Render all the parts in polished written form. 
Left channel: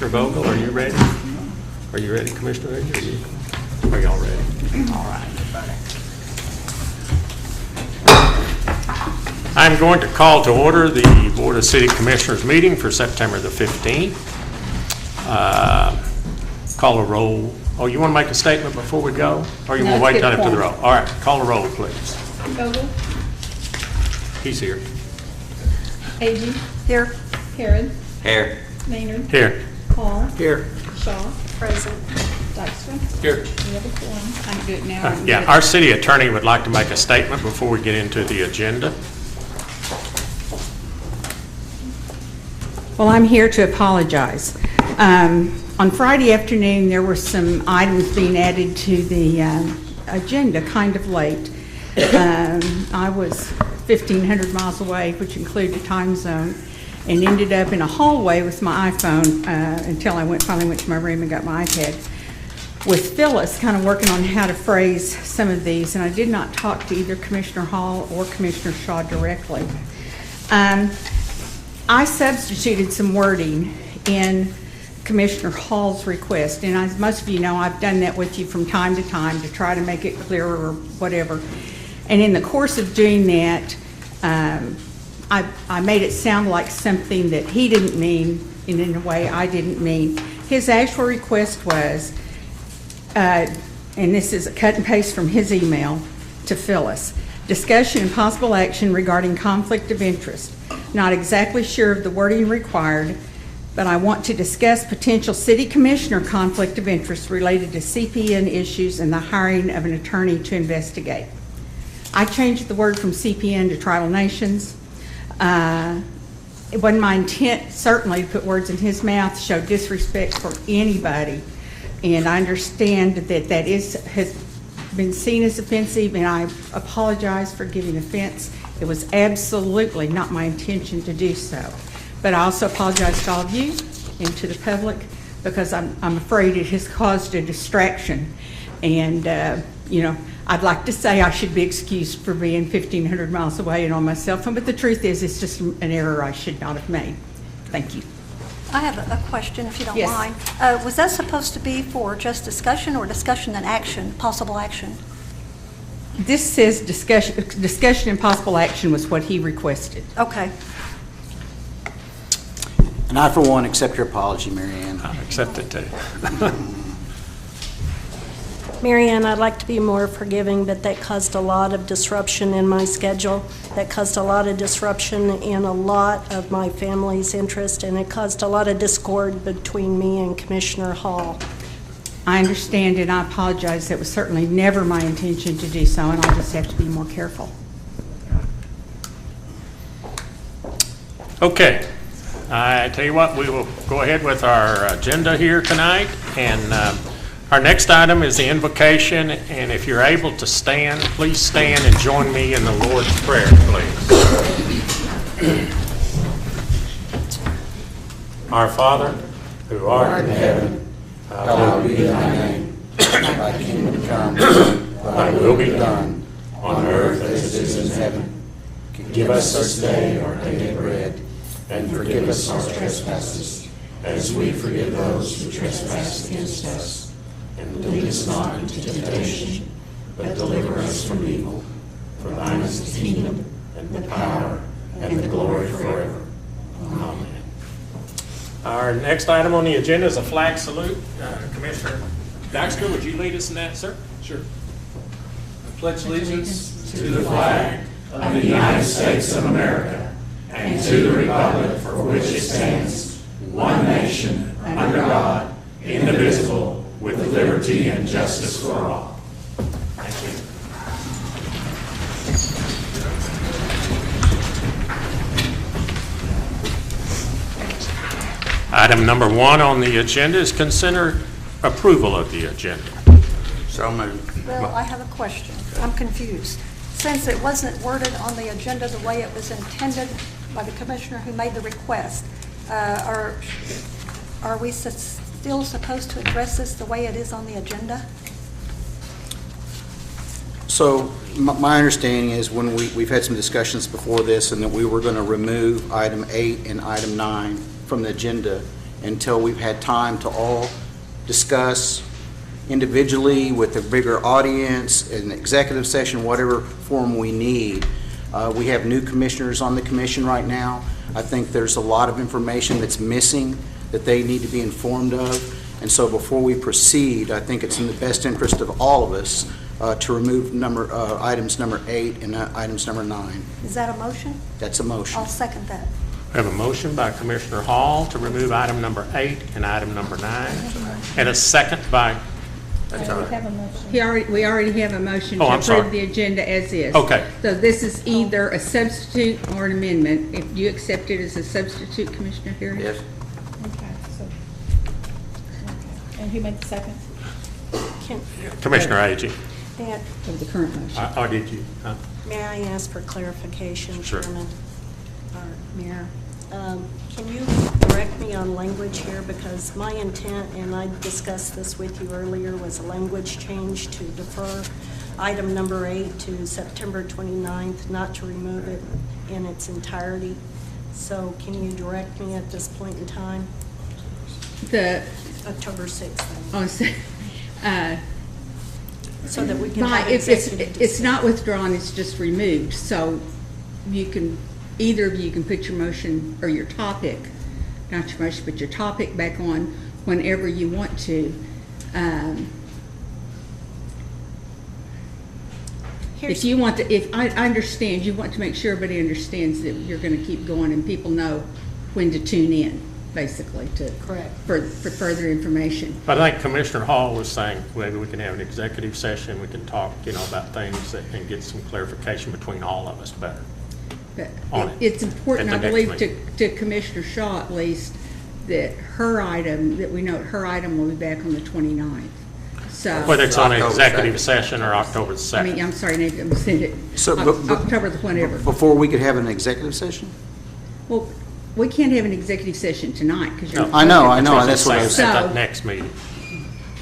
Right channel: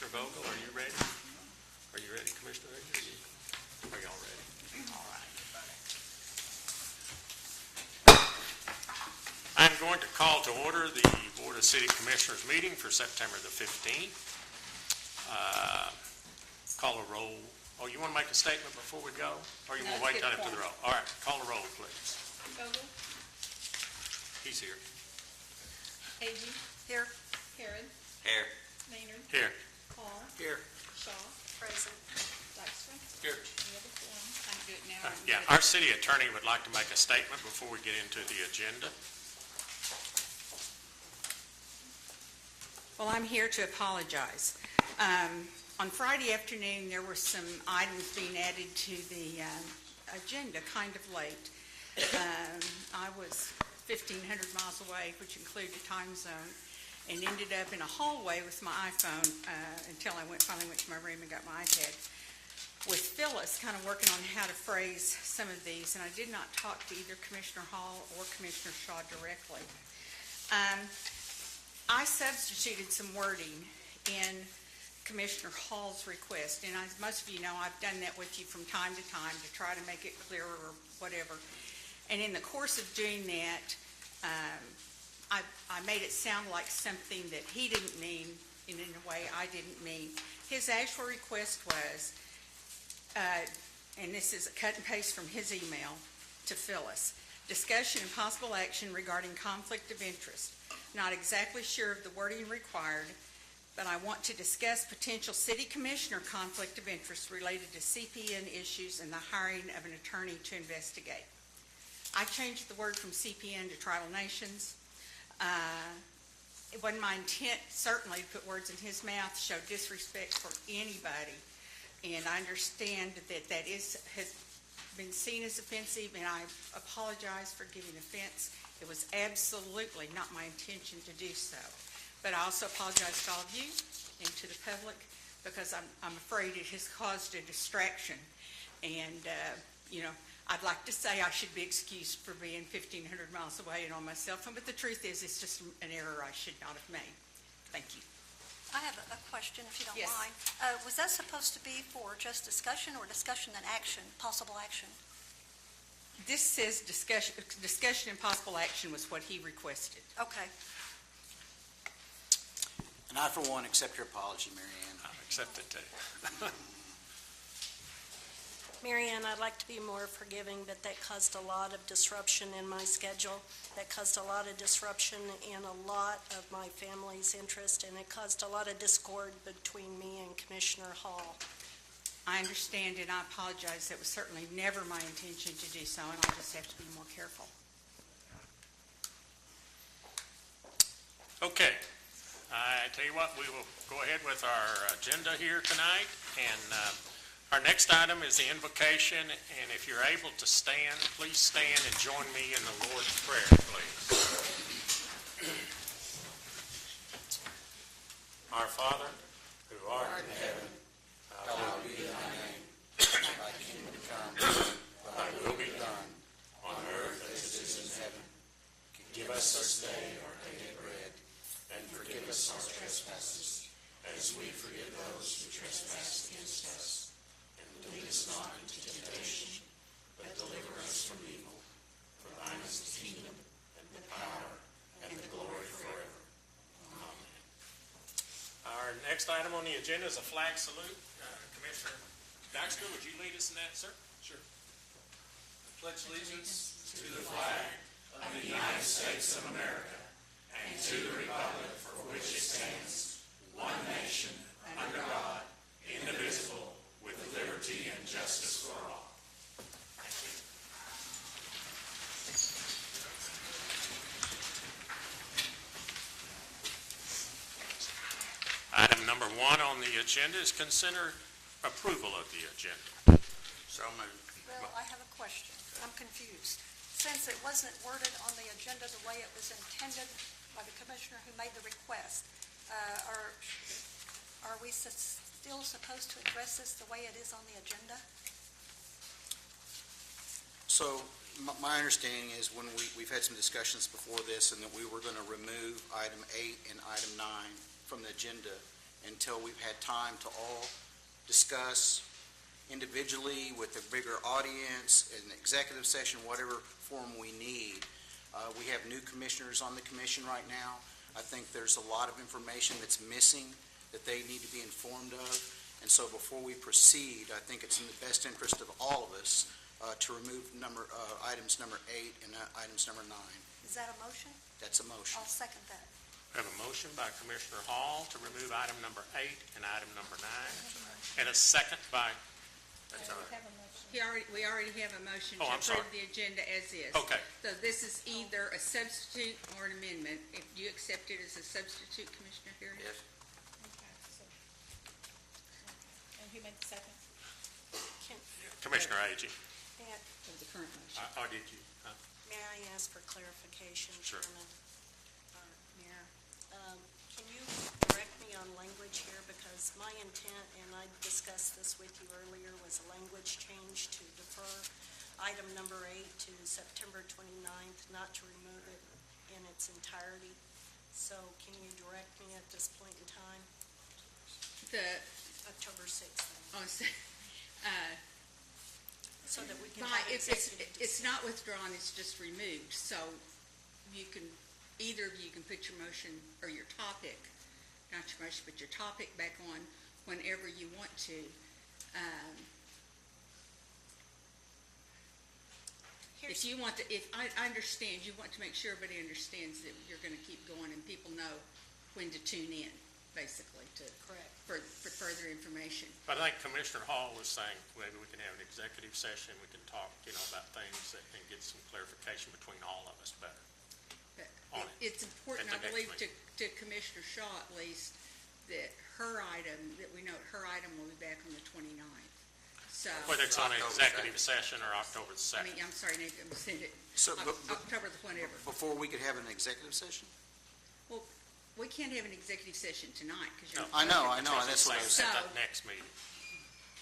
Commissioner Vogel, are you ready? Are you ready, Commissioner Edgar? Are y'all ready? All right, everybody. I'm going to call to order the Board of City Commissioners meeting for September the 15th. Call a roll. Oh, you want to make a statement before we go? Or you want to wait till after the roll? All right, call a roll, please. Vogel, He's here. Agee, Here. Harrod, Here. Maynard, Here. Hall, Here. Shaw, Present. Dykstra. Here. We have a quorum. I can do it now. I can do Yeah, it- our city attorney would like to make a statement before we get into the agenda. Well, I'm here to apologize. On Friday afternoon, there were some items being added to the agenda kind of late. I was 1,500 miles away, which included a time zone, and ended up in a hallway with my iPhone until I finally went to my room and got my iPad with Phyllis, kind of working on how to phrase some of these, and I did not talk to either Commissioner Hall or Commissioner Shaw directly. I substituted some wording in Commissioner Hall's request, and as most of you know, I've done that with you from time to time to try to make it clearer or whatever. And in the course of doing that, I made it sound like something that he didn't mean, and in a way I didn't mean. His actual request was, and this is a cut and paste from his email to Phyllis, discussion and possible action regarding conflict of interest. Not exactly sure of the wording required, but I want to discuss potential city commissioner conflict of interest related to CPN issues and the hiring of an attorney to investigate. I changed the word from CPN to tribal nations. It wasn't my intent, certainly, to put words in his mouth, show disrespect for anybody. And I understand that has been seen as offensive, and I apologize for giving offense. It was absolutely not my intention to do so. But I also apologize to all of you and to the public, because I'm afraid it has caused a distraction. And, you know, I'd like to say I should be excused for being 1,500 miles away and on my cell phone, but the truth is it's just an error I should not have made. Thank you. I have a question, if you don't Yes. mind. Was that supposed to be for just discussion or discussion and action, possible action? This says discussion and possible action was what he requested. Okay. And I, for one, accept your apology, Mary Ann. I accept it too. Mary Ann, I'd like to be more forgiving, but that caused a lot of disruption in my schedule. That caused a lot of disruption in a lot of my family's interest, and it caused a lot of discord between me and Commissioner Hall. I understand and I apologize. That was certainly never my intention to do so, and I'll just have to be more careful. Okay, I tell you what, we will go ahead with our agenda here tonight, and our next item is the invocation, and if you're able to stand, please stand and join me in the Lord's Prayer, please. Our Father, who art in heaven, hallowed be thy name. Thy kingdom come, thy will be done, on earth as it is in heaven. Give us this day our daily bread, and forgive us our trespasses, as we forgive those who trespass against us. And lead us not into temptation, but deliver us from evil. For thine is the kingdom, and the power, and the glory forever. Amen. Our next item on the agenda is a flag salute. Commissioner Dykstra, would you lead us in that, sir? Sure. I pledge allegiance to the flag of the United States of America and to the republic for which it stands, one nation, under God, indivisible, with liberty and justice for all. Thank you. Item number 1 on the agenda is consider approval of the agenda. So moved. Well, I have a question. I'm confused. Since it wasn't worded on the agenda the way it was intended by the commissioner who made the request, are we still supposed to address this the way it is on the agenda? So my understanding is when we've had some discussions before this, and that we were going to remove item 8 and item 9 from the agenda until we've had time to all discuss individually with a bigger audience, an executive session, whatever form we need. We have new commissioners on the commission right now. I think there's a lot of information that's missing that they need to be informed of. And so before we proceed, I think it's in the best interest of all of us to remove items number 8 and items number 9. Is that a motion? That's a motion. I'll second that. We have a motion by Commissioner Hall to remove item number 8 and item number 9, and a second by, We have a motion. We already have a motion to Oh, I'm sorry. approve the agenda as is. Okay. So this is either a substitute or an amendment. If you accept it as a substitute, Commissioner Harris? Yes. Okay, so. And who made the second? Can- Commissioner Agee. Matt, Of the current motion. Or did you? Huh? may I ask for clarification, Sure. Chairman or Mayor? Can you direct me on language here? Because my intent, and I discussed this with you earlier, was a language change to defer item number 8 to September 29th, not to remove it in its entirety. So can you direct me at this point in time? The, October 6th, oh, so, so that we can by, have if executive it's not withdrawn, it's just removed. So you can, either of you can put your motion or your topic, not your motion, but your topic back on whenever you want to. If you want to, if I understand, you want to make sure everybody understands that you're going to keep going and people know when to tune in, basically, to Correct. for further information. But I think Commissioner Hall was saying maybe we can have an executive session, we can talk, about things and get some clarification between all of us better. But On it it's important, I at the next believe, meeting. to Commissioner Shaw at least, that her item, that we know her item will be back on the 29th. So, Whether it's on an October executive 2nd. session or October the I mean, 2nd. I'm sorry, Nate, I'm saying it, So, but- October the whatever. Before we could have an executive session? Well, we can't have an executive session tonight because you're. No. I know, That's what I I'm was saying, So- At that next meeting.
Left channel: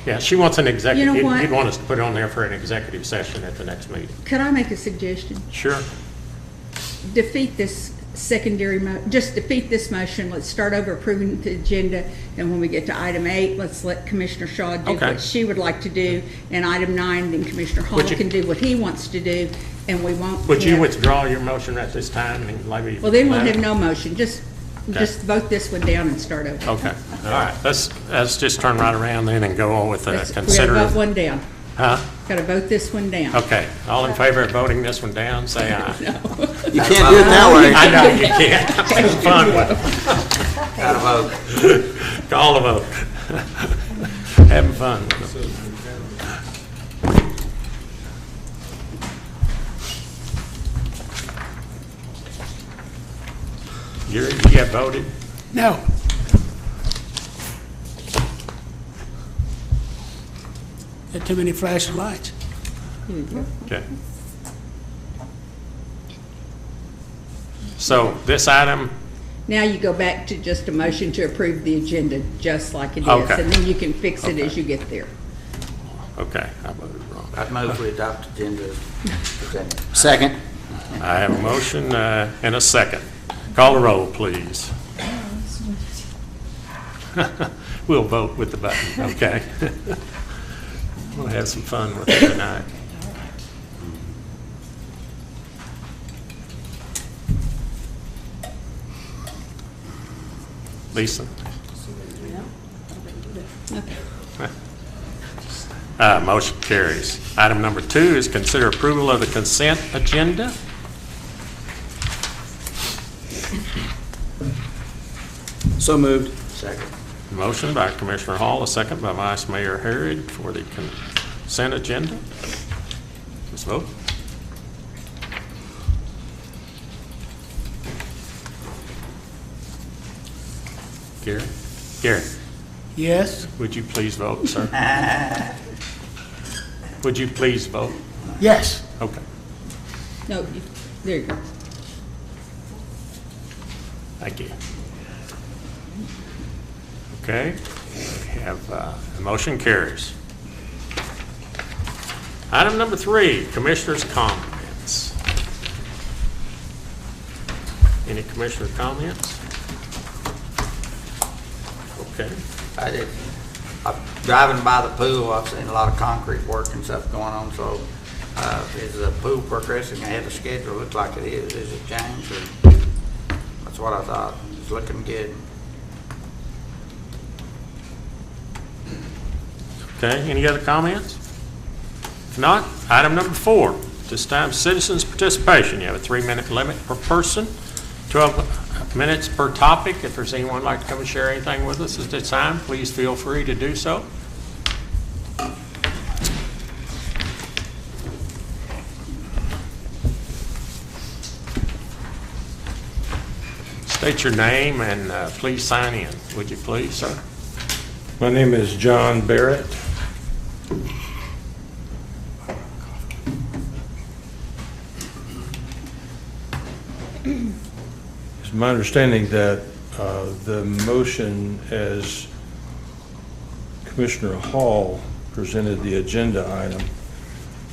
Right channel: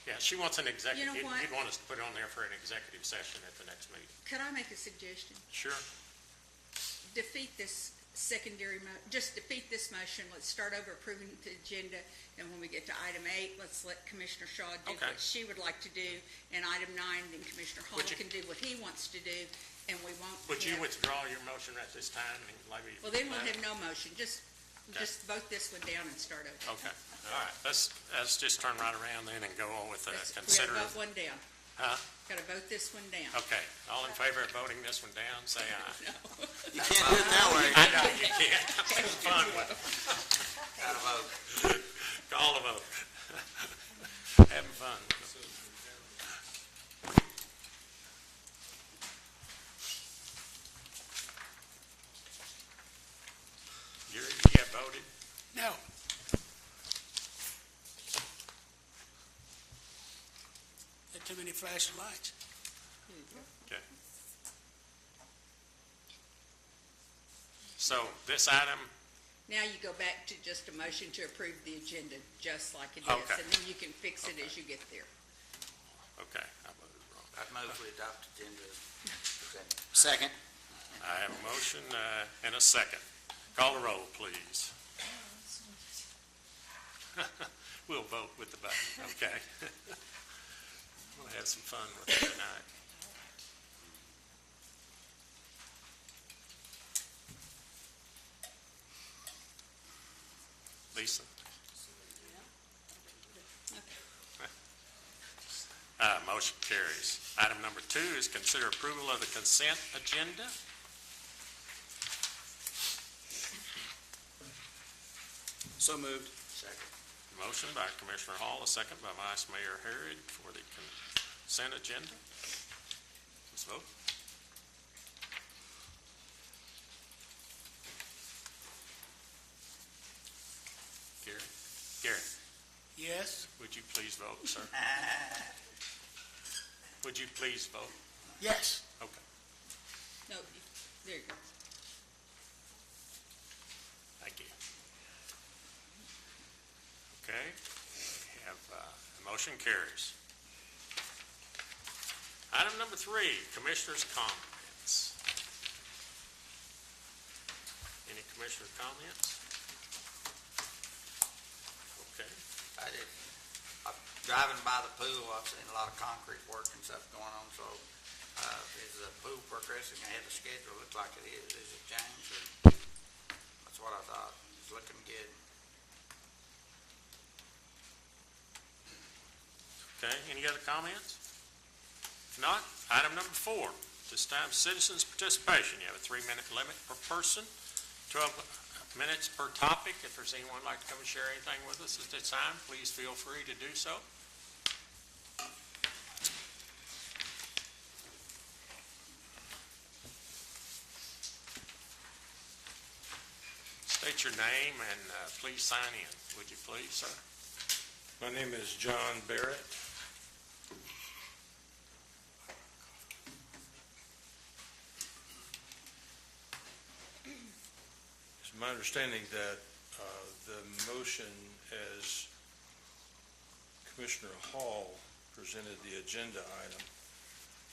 Yeah, she wants an executive, You know what? you'd want us to put it on there for an executive session at the next meeting. Could I make a suggestion? Sure. Defeat this just defeat this motion. Let's start over approving the agenda, and when we get to item 8, let's let Commissioner Shaw do Okay. what she would like to do, and item 9, then Commissioner Hall Would you- can do what he wants to do, and we won't. Would you have- withdraw your motion at this time and maybe? Well, then we'll have no motion. Just Okay. vote this one down and start over. Okay, all right, let's just turn right around then and go on with the We gotta consider. vote one down. Huh? Gotta vote this one down. Okay, all in favor of voting this one down, say aye. You can't do it that way. I know you can't, I'm having fun with it. Gotta vote. Call the vote. Having fun with it. Gary, you have voted? No. There are too many flashing lights. Okay. So this item, Now you go back to just a motion to approve the agenda, just like it is. Okay. And then you can fix it Okay. as you get there. okay, I voted wrong. I'd move we adopt agenda as presented. Second. I have a motion and a second. Call the roll, please. We'll vote with the button, okay? We'll have some fun with it tonight. Lisa? Motion carries. Item number 2 is consider approval of the consent agenda. So moved. Second. Motion by Commissioner Hall, a second by Vice Mayor Harrod for the consent agenda. Let's vote. Gary? Gary, Yes? would you please vote, sir? Would you please vote? Yes. Okay. No, there you go. Thank you. Okay, we have, the motion carries. Item number 3, Commissioners' comments. Any Commissioner comments? Okay. I'm driving by the pool, I've seen a lot of concrete work and stuff going on, so, is the pool progressing ahead of schedule? Looks like it is. Is it changed or? That's what I thought. It's looking good. Okay, any other comments? If not, item number 4, this time citizens' participation. You have a 3-minute limit per person, 12 minutes per topic. If there's anyone who'd like to come and share anything with us at this time, please feel free to do so. State your name and please sign in. Would you please, sir? My name is John Barrett. It's my understanding that the motion, as Commissioner Hall presented the agenda item,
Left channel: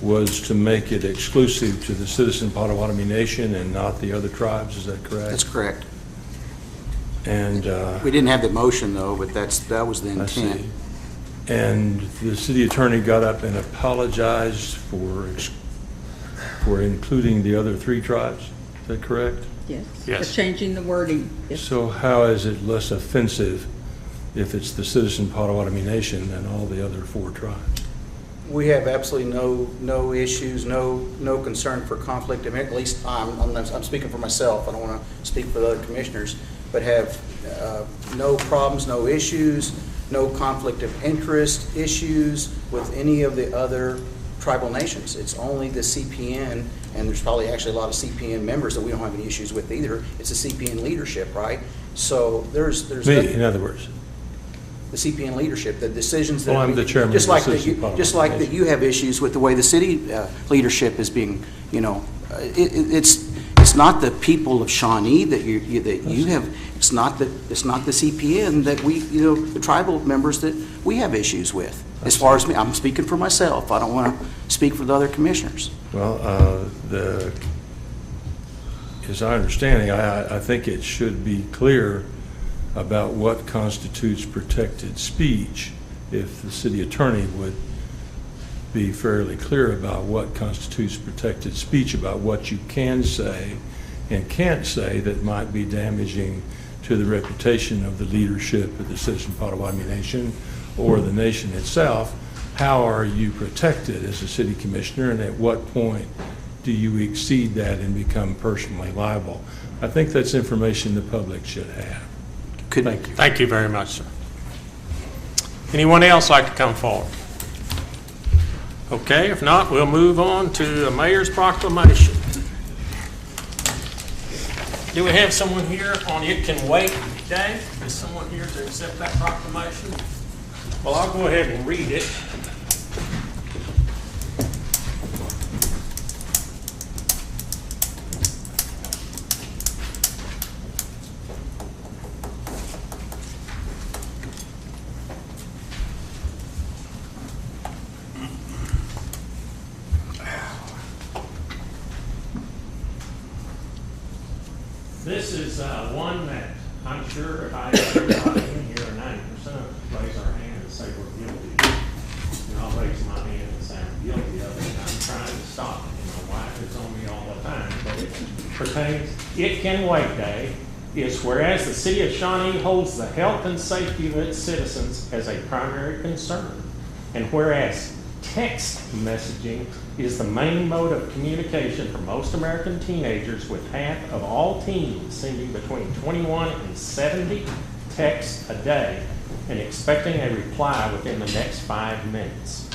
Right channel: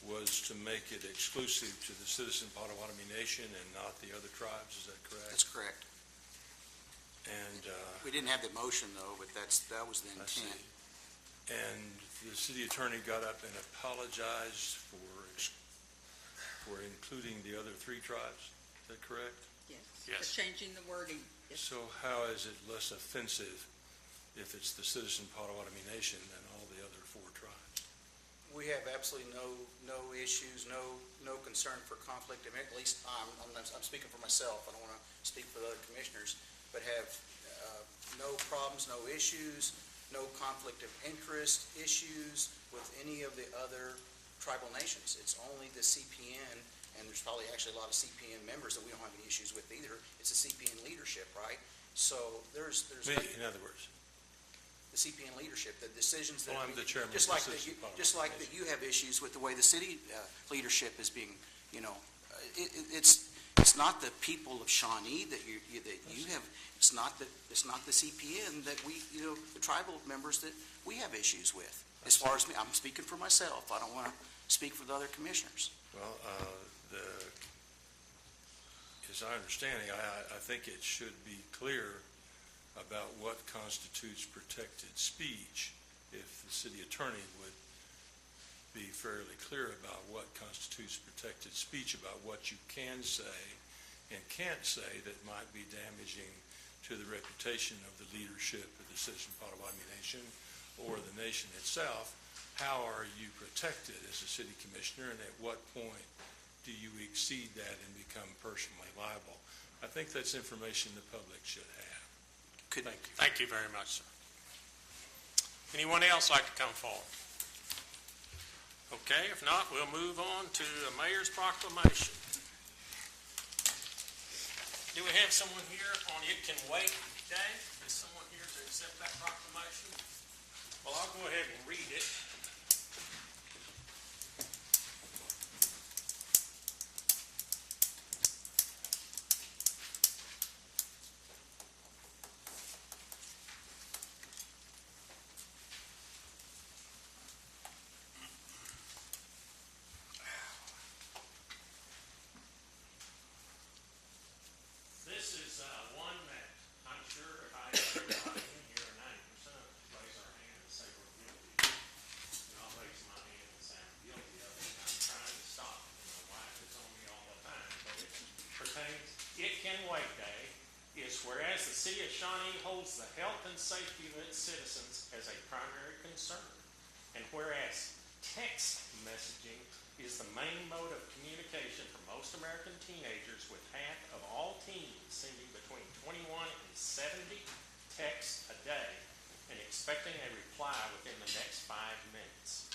was to make it exclusive to the Citizen Potawatomi Nation and not the other tribes. Is that correct? That's correct. And We didn't have the motion, though, but that was the I see. intent. And the city attorney got up and apologized for including the other 3 tribes. Is that correct? Yes. Yes. For changing the wording. Yes. So how is it less offensive if it's the Citizen Potawatomi Nation than all the other 4 tribes? We have absolutely no issues, no concern for conflict. I mean, at least I'm speaking for myself. I don't want to speak for the other commissioners, but have no problems, no issues, no conflict of interest issues with any of the other tribal nations. It's only the CPN, and there's probably actually a lot of CPN members that we don't have any issues with either. It's the CPN leadership, right? So there's Me, in other words. the CPN leadership, the decisions that Well, I'm we- the chairman just of the like that Citizen you, Potawatomi just like that Nation. you have issues with the way the city leadership is being, it's not the people of Shawnee that you have. It's not the CPN that we, the tribal members that we have issues with. As far as me, I'm speaking for myself. I don't want to speak for the other commissioners. Well, as I understand it, I think it should be clear about what constitutes protected speech. If the city attorney would be fairly clear about what constitutes protected speech, about what you can say and can't say that might be damaging to the reputation of the leadership of the Citizen Potawatomi Nation or the nation itself, how are you protected as a city commissioner, and at what point do you exceed that and become personally liable? I think that's information the public should have. Thank you. Thank you very much, sir. Anyone else like to come forward? Okay, if not, we'll move on to the mayor's proclamation. Do we have someone here on It Can Wait Day? Is someone here to accept that proclamation? Well, I'll go ahead and read it. This is one that I'm sure if I had everybody in here, 90% of us raise our hand and say we're guilty. And I'll raise my hand and say I'm guilty of it. And I'm trying to stop it. My wife is on me all the time. But it pertains, It Can Wait Day is whereas the city of Shawnee holds the health and safety of its citizens as a primary concern. And whereas text messaging is the main mode of communication for most American teenagers, with half of all teens sending between 21 and 70 texts a day and expecting a reply within the next 5 minutes.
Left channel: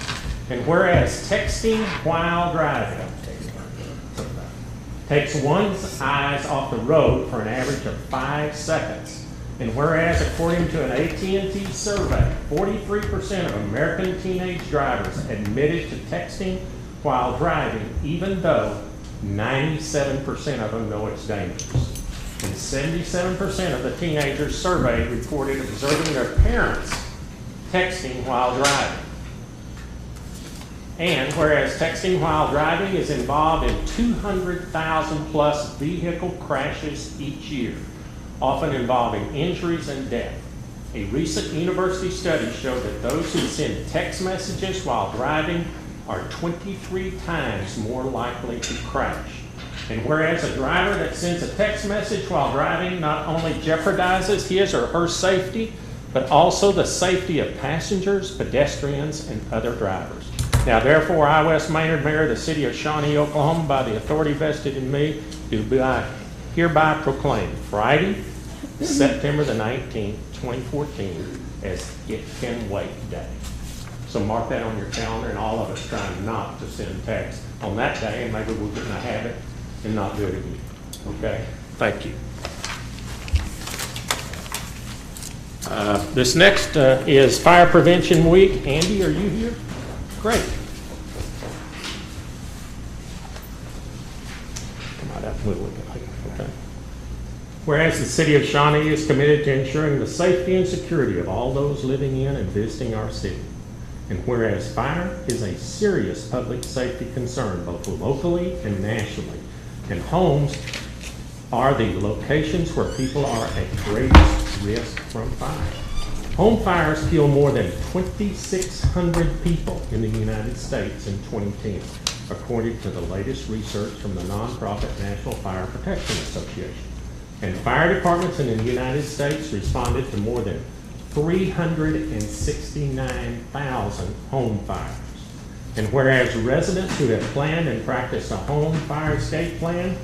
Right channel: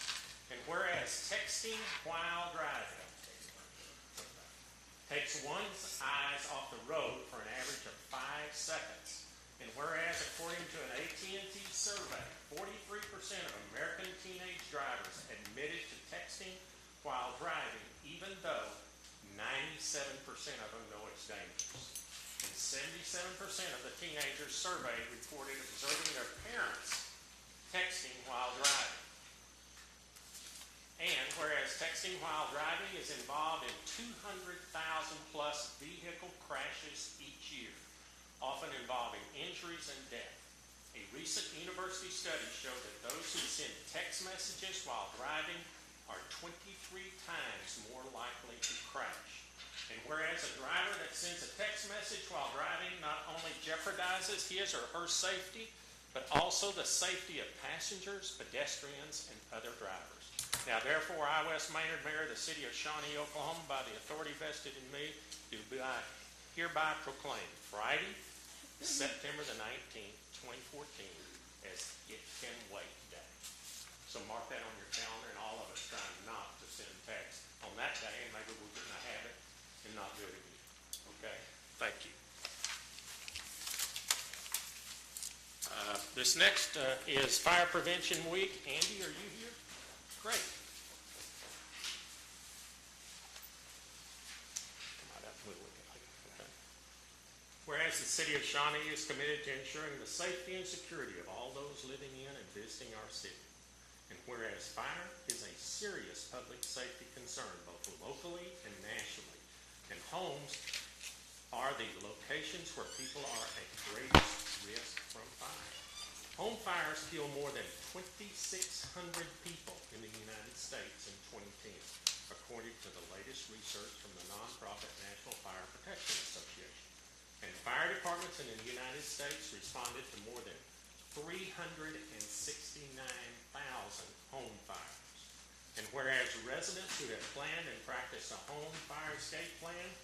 And whereas texting while driving takes one's eyes off the road for an average of 5 seconds. And whereas, according to an AT&T survey, 43% of American teenage drivers admitted to texting while driving, even though 97% of them know it's dangerous. And 77% of the teenagers surveyed reported observing their parents texting while driving. And whereas texting while driving is involved in 200,000 plus vehicle crashes each year, often involving injuries and death. A recent university study showed that those who send text messages while driving are 23 times more likely to crash. And whereas a driver that sends a text message while driving not only jeopardizes his or her safety, but also the safety of passengers, pedestrians, and other drivers. Now therefore, I, Wes Maynard, Mayor of the City of Shawnee, Oklahoma, by the authority vested in me, do hereby proclaim Friday, September the 19th, 2014, as It Can Wait Day. So mark that on your calendar, and all of us trying not to send text on that day, and maybe we'll get in a habit and not do it again. Okay? Thank you. This next is Fire Prevention Week. Andy, are you here? Great. Come on up a little bit. Okay. Whereas the City of Shawnee is committed to ensuring the safety and security of all those living in and visiting our city. And whereas fire is a serious public safety concern both locally and nationally, and homes are the locations where people are at greatest risk from fire. Home fires kill more than 2,600 people in the United States in 2010, according to the latest research from the nonprofit National Fire Protection Association. And fire departments in the United States responded to more than 369,000 home fires. And whereas residents who have planned and practiced a home fire escape plan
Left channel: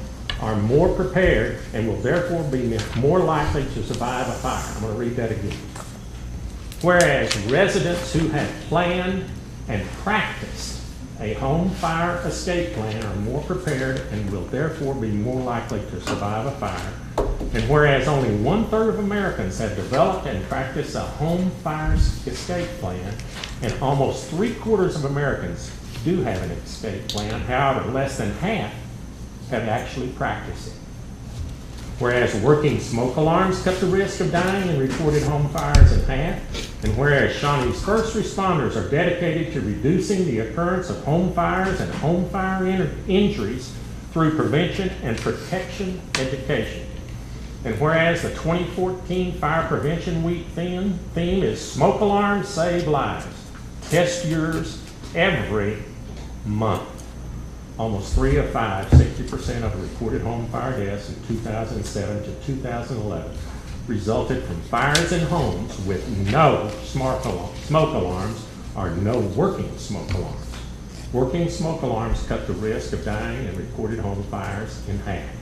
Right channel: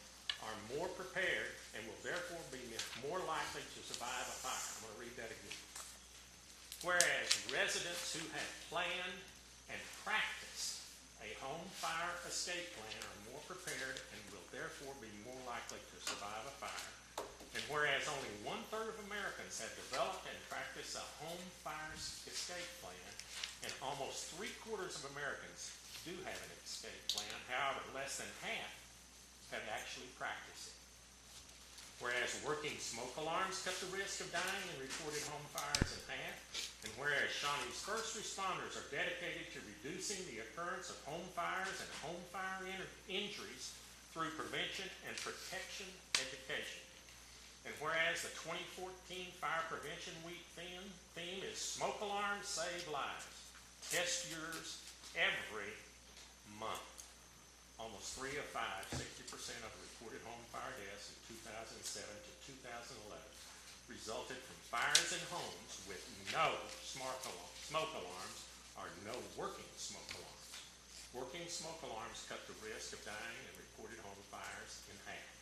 are more prepared and will therefore be more likely to survive a fire. I'm going to read that again. Whereas residents who have planned and practiced a home fire escape plan are more prepared and will therefore be more likely to survive a fire. And whereas only 1/3 of Americans have developed and practiced a home fire escape plan, and almost 3/4 of Americans do have an escape plan, however, less than half have actually practiced it. Whereas working smoke alarms cut the risk of dying in reported home fires in half, and whereas Shawnee's first responders are dedicated to reducing the occurrence of home fires and home fire injuries through prevention and protection education. And whereas the 2014 Fire Prevention Week theme is Smoke Alarms Save Lives. Test yours every month. Almost 3 of 5, 60% of the reported home fire deaths in 2007 to 2011 resulted from fires in homes with no smoke alarms or no working smoke alarms. Working smoke alarms cut the risk of dying in reported home fires in half.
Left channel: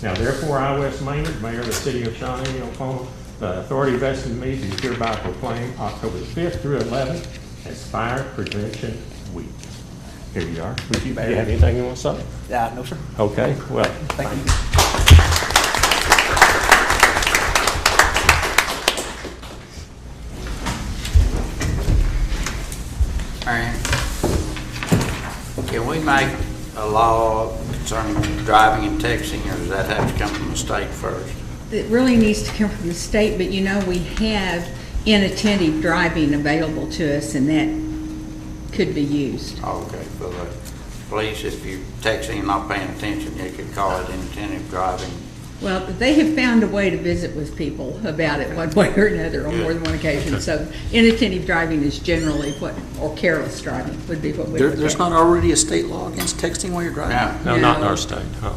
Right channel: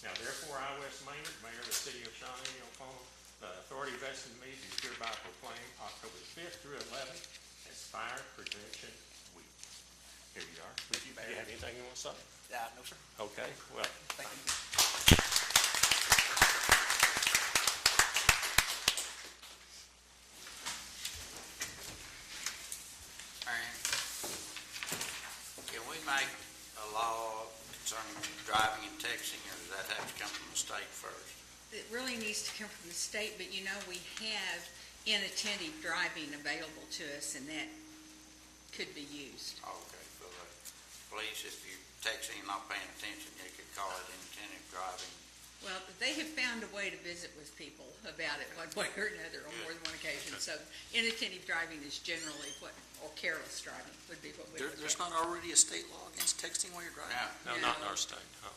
Now therefore, I, Wes Maynard, Mayor of the City of Shawnee, Oklahoma, the authority vested in me, do hereby proclaim October 5th through 11th as Fire Prevention Week. Here you are. Do you have anything you want to say? No, sir. Okay, well, thank you. Marion, can we make a law concerning driving and texting, or does that have to come from the state first? It really needs to come from the state, but you know, we have inattentive driving available to us, and that could be used. Okay, for the police, if you're texting and not paying attention, you could call it inattentive driving. Well, they have found a way to visit with people about it one way or another on more than one occasion. So inattentive driving is generally or careless driving would be what we would There's not already a state law against texting while you're driving? No, not in our state. No.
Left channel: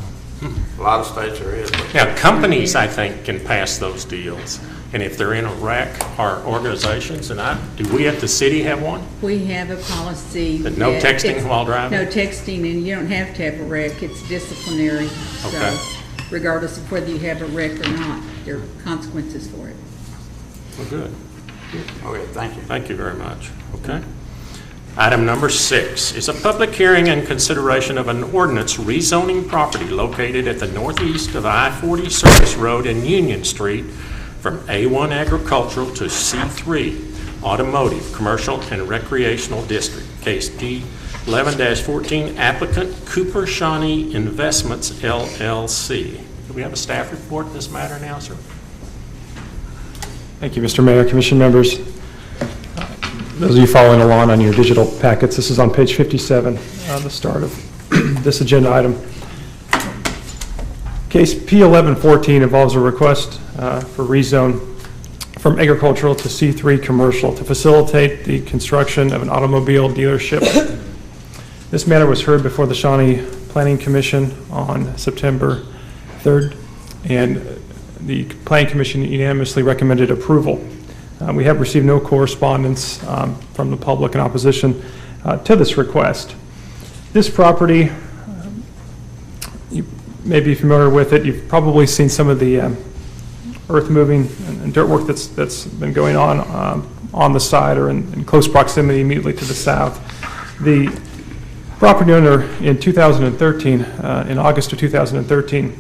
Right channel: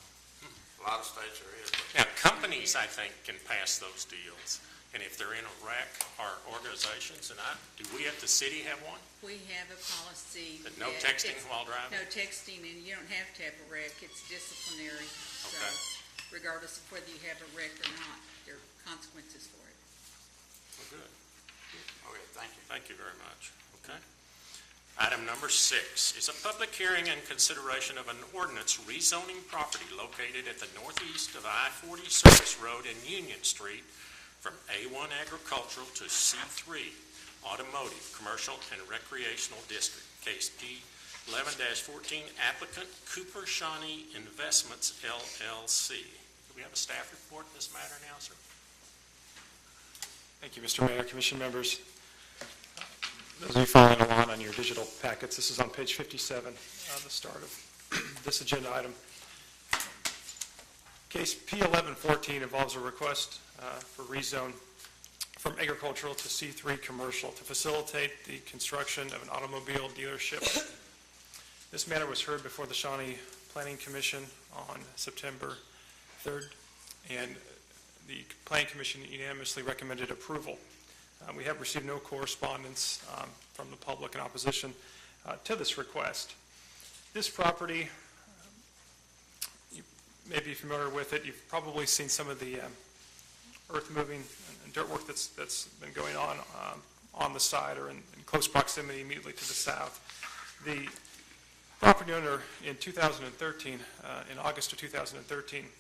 A lot of states there is. But Now, companies, I think, can pass those deals. And if they're in a wreck, or organizations, and do we at the city have one? We have a policy. That no that texting it's- while driving? No texting, and you don't have to have a wreck. It's disciplinary. Okay. So regardless of whether you have a wreck or not, there are consequences for it. Well, good. okay, thank you. Thank you very much. Okay. Item number 6 is a public hearing and consideration of an ordinance rezoning property located at the northeast of I-40 Service Road and Union Street from A1 Agricultural to C3 Automotive, Commercial and Recreational District. Case D11-14, applicant Cooper Shawnee Investments, LLC. Do we have a staff report in this matter now, sir? Thank you, Mr. Mayor, Commission members. Those of you following along on your digital packets, this is on page 57, the start of this agenda item. Case P1114 involves a request for rezone from agricultural to C3 commercial to facilitate the construction of an automobile dealership. This matter was heard before the Shawnee Planning Commission on September 3rd, and the Planning Commission unanimously recommended approval. We have received no correspondence from the public in opposition to this request. This property, you may be familiar with it. You've probably seen some of the earth moving and dirt work that's been going on the side or in close proximity immediately to the south. The property owner in 2013, in August of 2013,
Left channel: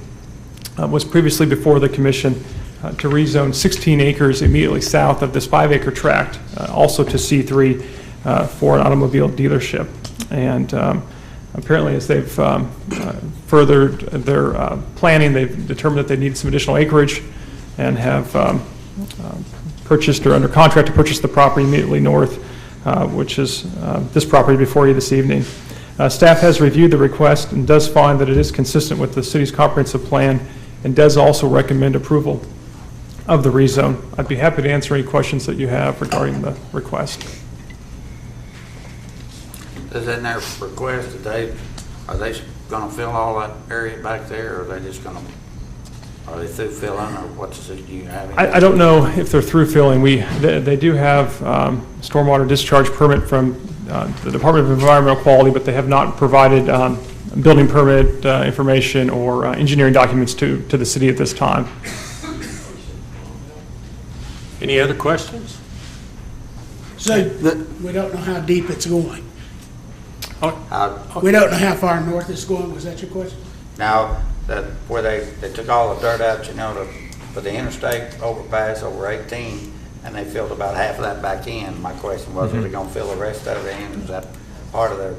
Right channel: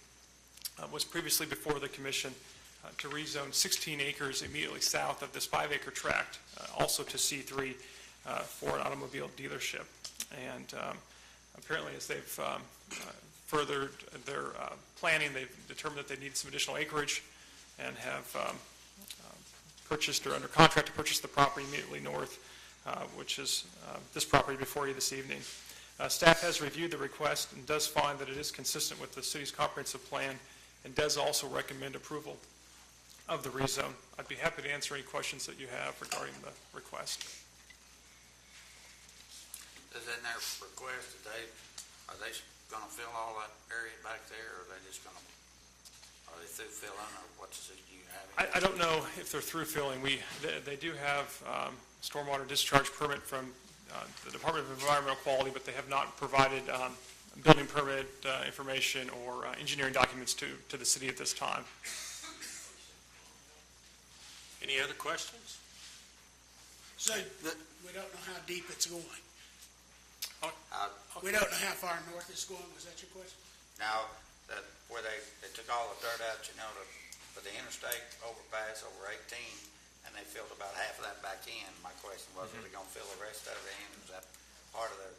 was previously before the commission to rezone 16 acres immediately south of this 5-acre tract, also to C3 for an automobile dealership. And apparently, as they've furthered their planning, they've determined that they need some additional acreage and have purchased or under contract to purchase the property immediately north, which is this property before you this evening. Staff has reviewed the request and does find that it is consistent with the city's comprehensive plan and does also recommend approval of the rezone. I'd be happy to answer any questions that you have regarding the request. Is in their request, are they gonna fill all that area back there, or are they just gonna, are they through filling, or what's the, do you have any? I don't know if they're through filling. They do have stormwater discharge permit from the Department of Environmental Quality, but they have not provided building permit information or engineering documents to the city at this time. Any other questions? So, we don't know how deep it's going. How- We don't know how far north it's going, was that your question? Now, that, where they took all the dirt out, you know, for the interstate overpass over 18, and they filled about half of that back in. My question was, are they gonna fill the rest of it in? Is that part of their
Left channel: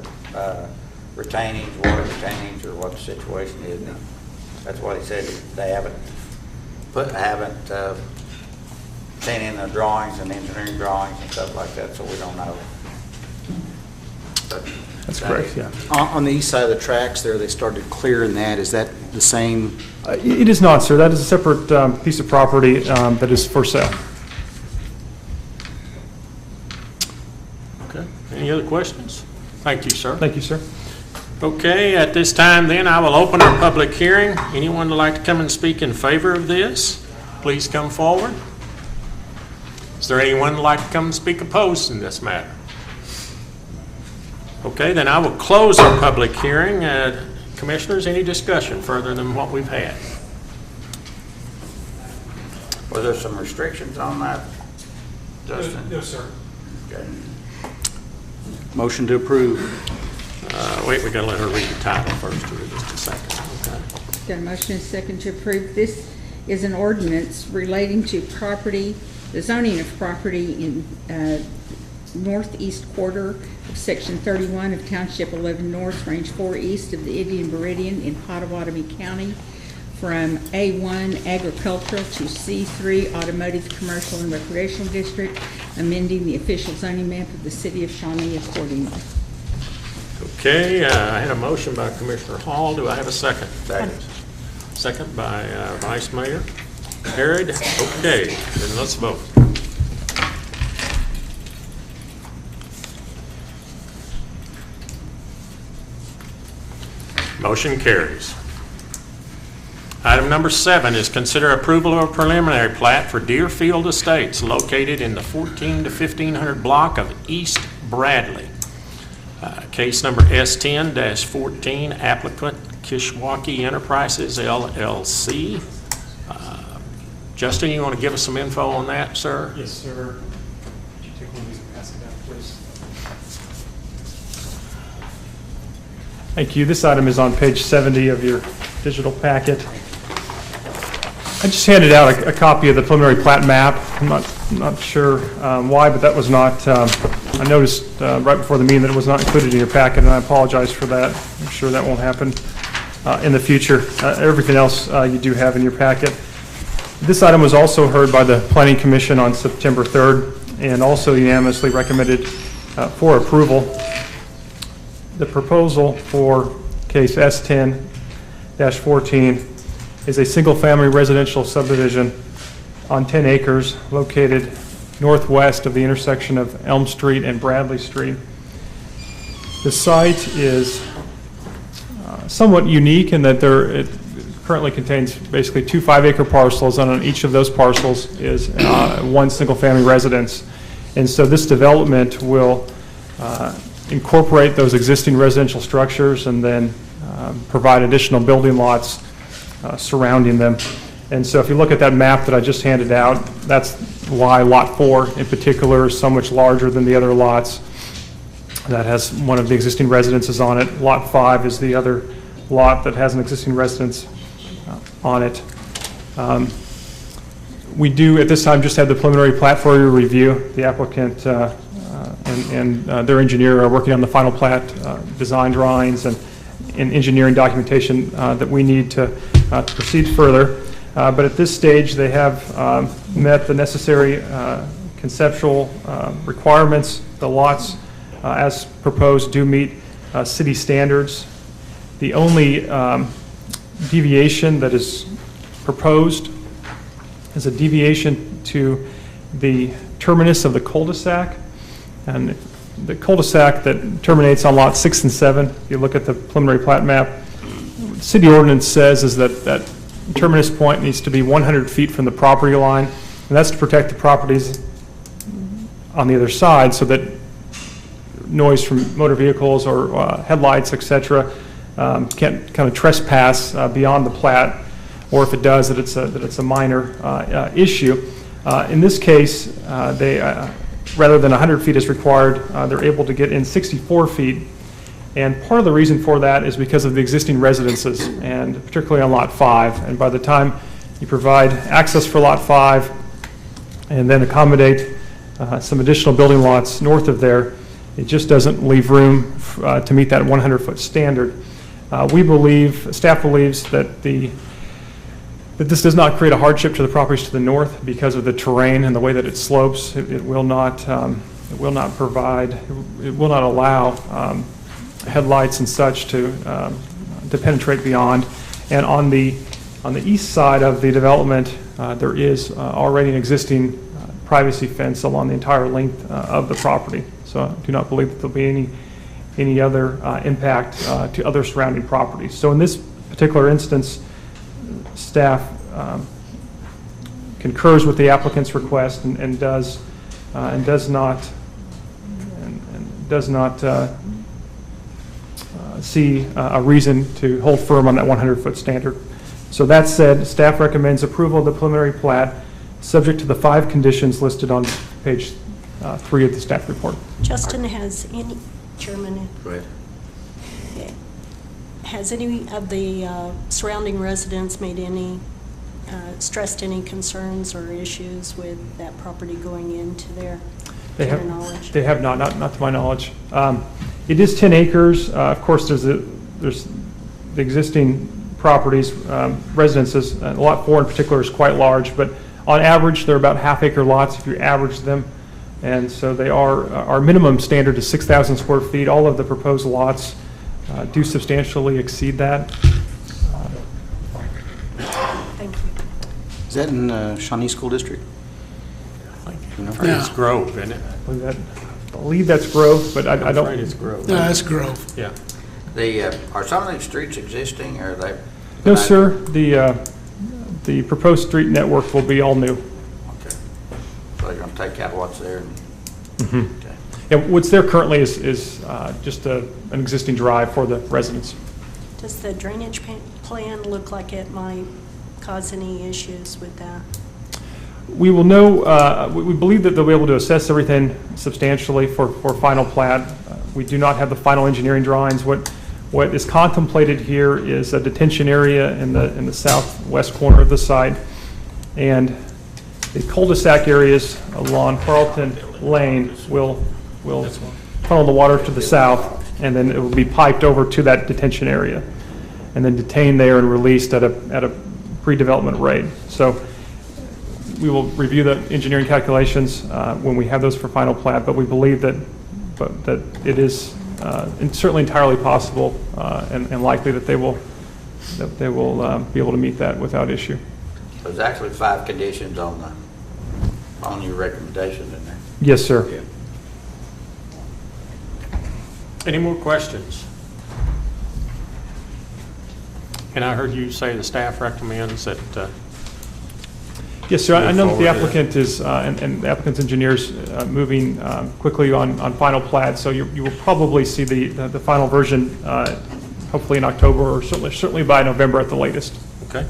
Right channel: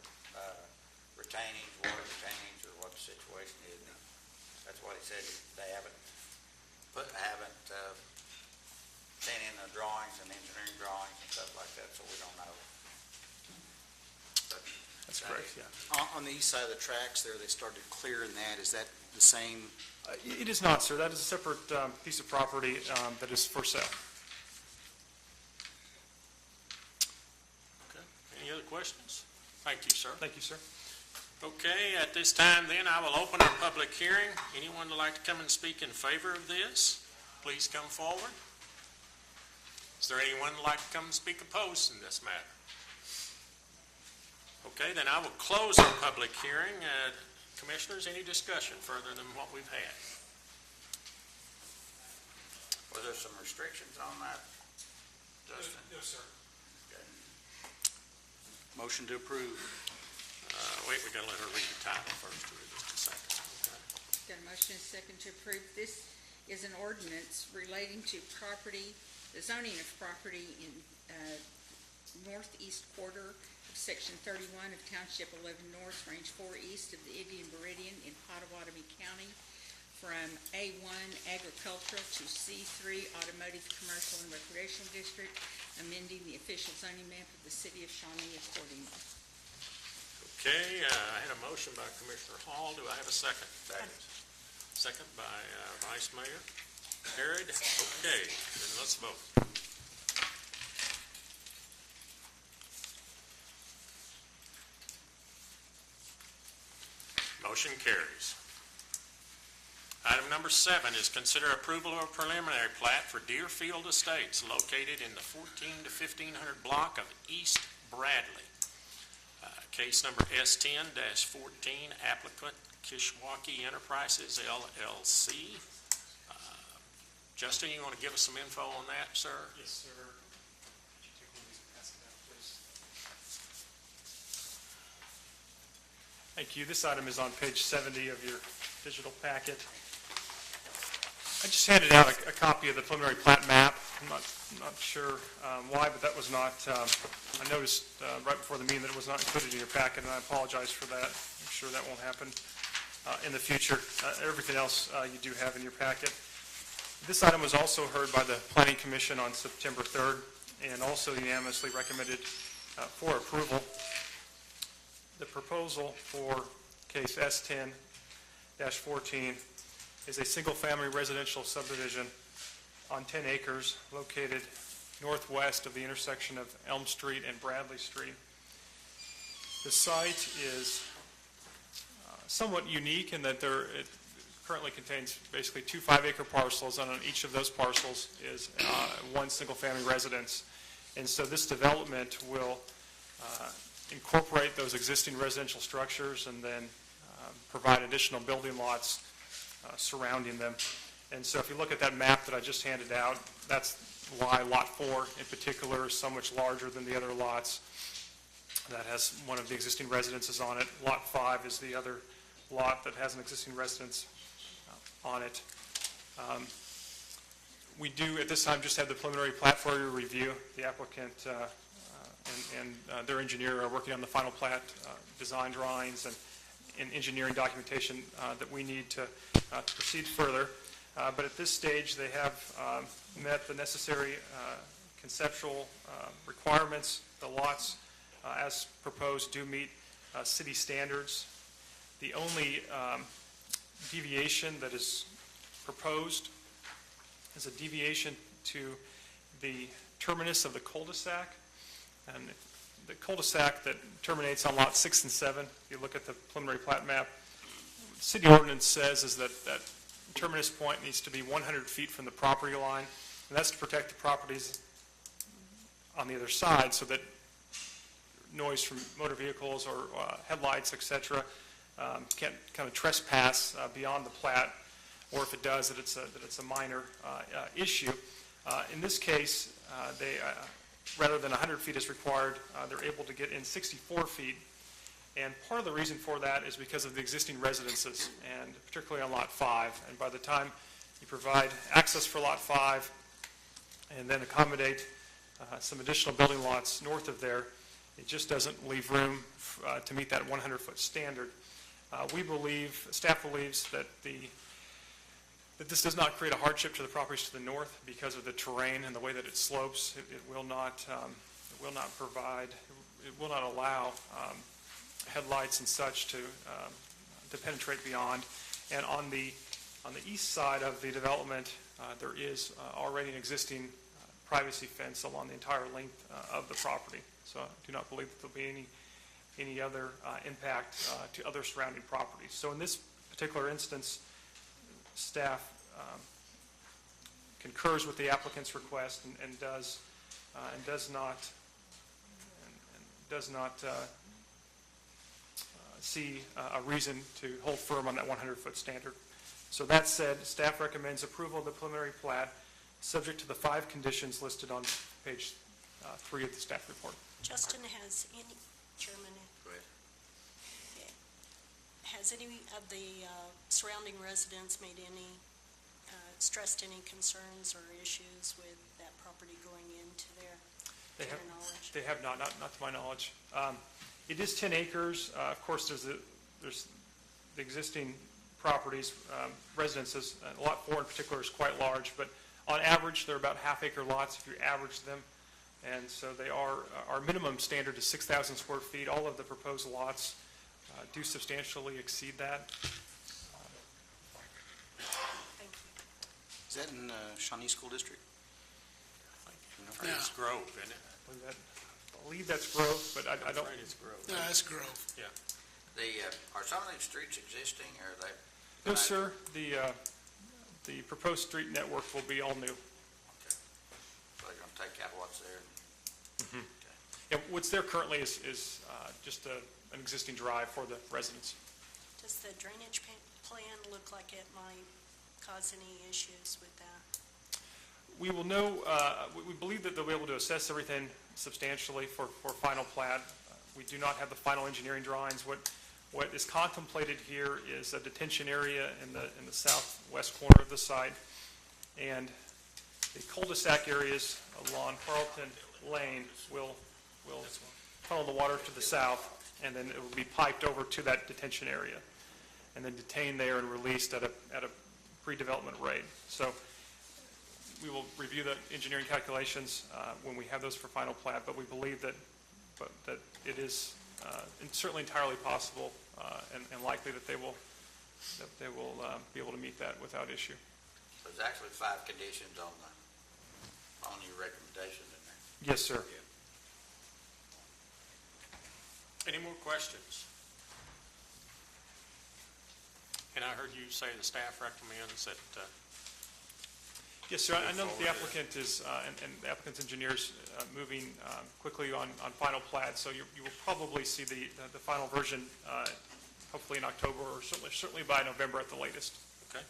retainage, water retainage, or what the situation is? And that's what he said, they haven't sent in the drawings and engineering drawings and stuff like that, so we don't know. But That's correct, yeah. On the east side of the tracks there, they started clearing that. Is that the same? It is not, sir. That is a separate piece of property that is for sale. Okay. Any other questions? Thank you, sir. Thank you, sir. Okay, at this time then, I will open our public hearing. Anyone would like to come and speak in favor of this, please come forward. Is there anyone who'd like to come and speak opposed in this matter? Okay, then I will close our public hearing. Commissioners, any discussion further than what we've had? Was there some restrictions on that, Justin? No, sir. Okay. Motion to approve. Wait, we gotta let her read the title first here, just a second. Okay. Got a motion and a second to approve. This is an ordinance relating to property, the zoning of property in northeast quarter of Section 31 of Township 11 North, Range 4 East of the Indian Meridian in Pottawatomie County, from A1 agricultural to C3 automotive, commercial, and recreational district, amending the official zoning map of the city of Shawnee accordingly. Okay, I had a motion by Commissioner Hall. Do I have a second? Second. Second by Vice Mayor Harrod. Okay, then let's vote. Motion carries. Item number 7 is consider approval of a preliminary plat for Deerfield Estates located in the 14 to 1500 block of East Bradley. Case number S10-14, applicant Kishwaukee Enterprises LLC. Justin, you want to give us some info on that, sir? Yes, sir. Would you take one of these and pass it down, please? Thank you. This item is on page 70 of your digital packet. I just handed out a copy of the preliminary plat map. I'm not sure why, but that was not, I noticed right before the meeting that it was not included in your packet, and I apologize for that. I'm sure that won't happen in the future. Everything else you do have in your packet. This item was also heard by the Planning Commission on September 3rd and also unanimously recommended for approval. The proposal for case S10-14 is a single-family residential subdivision on 10 acres located northwest of the intersection of Elm Street and Bradley Street. The site is somewhat unique in that it currently contains basically 2 5-acre parcels, and on each of those parcels is one single-family residence. And so this development will incorporate those existing residential structures and then provide additional building lots surrounding them. And so if you look at that map that I just handed out, that's why Lot 4 in particular is so much larger than the other lots. That has one of the existing residences on it. Lot 5 is the other lot that has an existing residence on it. We do, at this time, just have the preliminary plat for your review. The applicant and their engineer are working on the final plat, design drawings, and engineering documentation that we need to proceed further. But at this stage, they have met the necessary conceptual requirements. The lots, as proposed, do meet city standards. The only deviation that is proposed is a deviation to the terminus of the cul-de-sac. And the cul-de-sac that terminates on lots 6 and 7, if you look at the preliminary plat map, what the city ordinance says is that that terminus point needs to be 100 feet from the property line, and that's to protect the properties on the other side so that noise from motor vehicles or headlights, et cetera, can't kind of trespass beyond the plat, or if it does, that it's a minor issue. In this case, they rather than 100 feet as required, they're able to get in 64 feet. And part of the reason for that is because of the existing residences, and particularly on Lot 5. And by the time you provide access for Lot 5 and then accommodate some additional building lots north of there, it just doesn't leave room to meet that 100-foot standard. We believe, staff believes that this does not create a hardship to the properties to the north because of the terrain and the way that it slopes. It will not allow headlights and such to penetrate beyond. And on the east side of the development, there is already an existing privacy fence along the entire length of the property. So I do not believe that there'll be any other impact to other surrounding properties. So in this particular instance, staff concurs with the applicant's request and does not see a reason to hold firm on that 100-foot standard. So that said, staff recommends approval of the preliminary plat, subject to the 5 conditions listed on page 3 of the staff report. Justin, has any, Chairman? Go ahead. Has any of the surrounding residents made any, stressed any concerns or issues with that property going into their knowledge? They have not to my knowledge. It is 10 acres. Of course, there's the existing properties, residences. Lot 4 in particular is quite large, but on average, they're about half-acre lots if you average them. And so they are, our minimum standard is 6,000 square feet. All of the proposed lots do substantially exceed that. Thank you. Is that in Shawnee School District? It's Grove, isn't it? I believe that's Grove, but I don't. Afraid it's Grove. No, that's Grove. Yeah. Are some of these streets existing, or are they? No, sir. The proposed street network will be all new. Okay. So they're gonna take out what's there? Mm-hmm. Okay. Yeah, what's there currently is just an existing drive for the residents. Does the drainage plan look like it might cause any issues with that? We will know, we believe that they'll be able to assess everything substantially for final plat. We do not have the final engineering drawings. What is contemplated here is a detention area in the southwest corner of the site, and the cul-de-sac areas along Carlton Lane will funnel the water to the south, and then it will be piped over to that detention area, and then detained there and released at a pre-development rate. So we will review the engineering calculations when we have those for final plat, but we believe that it is certainly entirely possible and likely that they will be able to meet that without issue. There's actually 5 conditions on your recommendations in there. Yes, sir. Any more questions? And I heard you say the staff recommends that, Yes, sir. I know that the Move forward, applicant is, and the applicant's engineers moving quickly on final plat, so you will probably see the final version hopefully in October, or certainly by November at the latest. okay?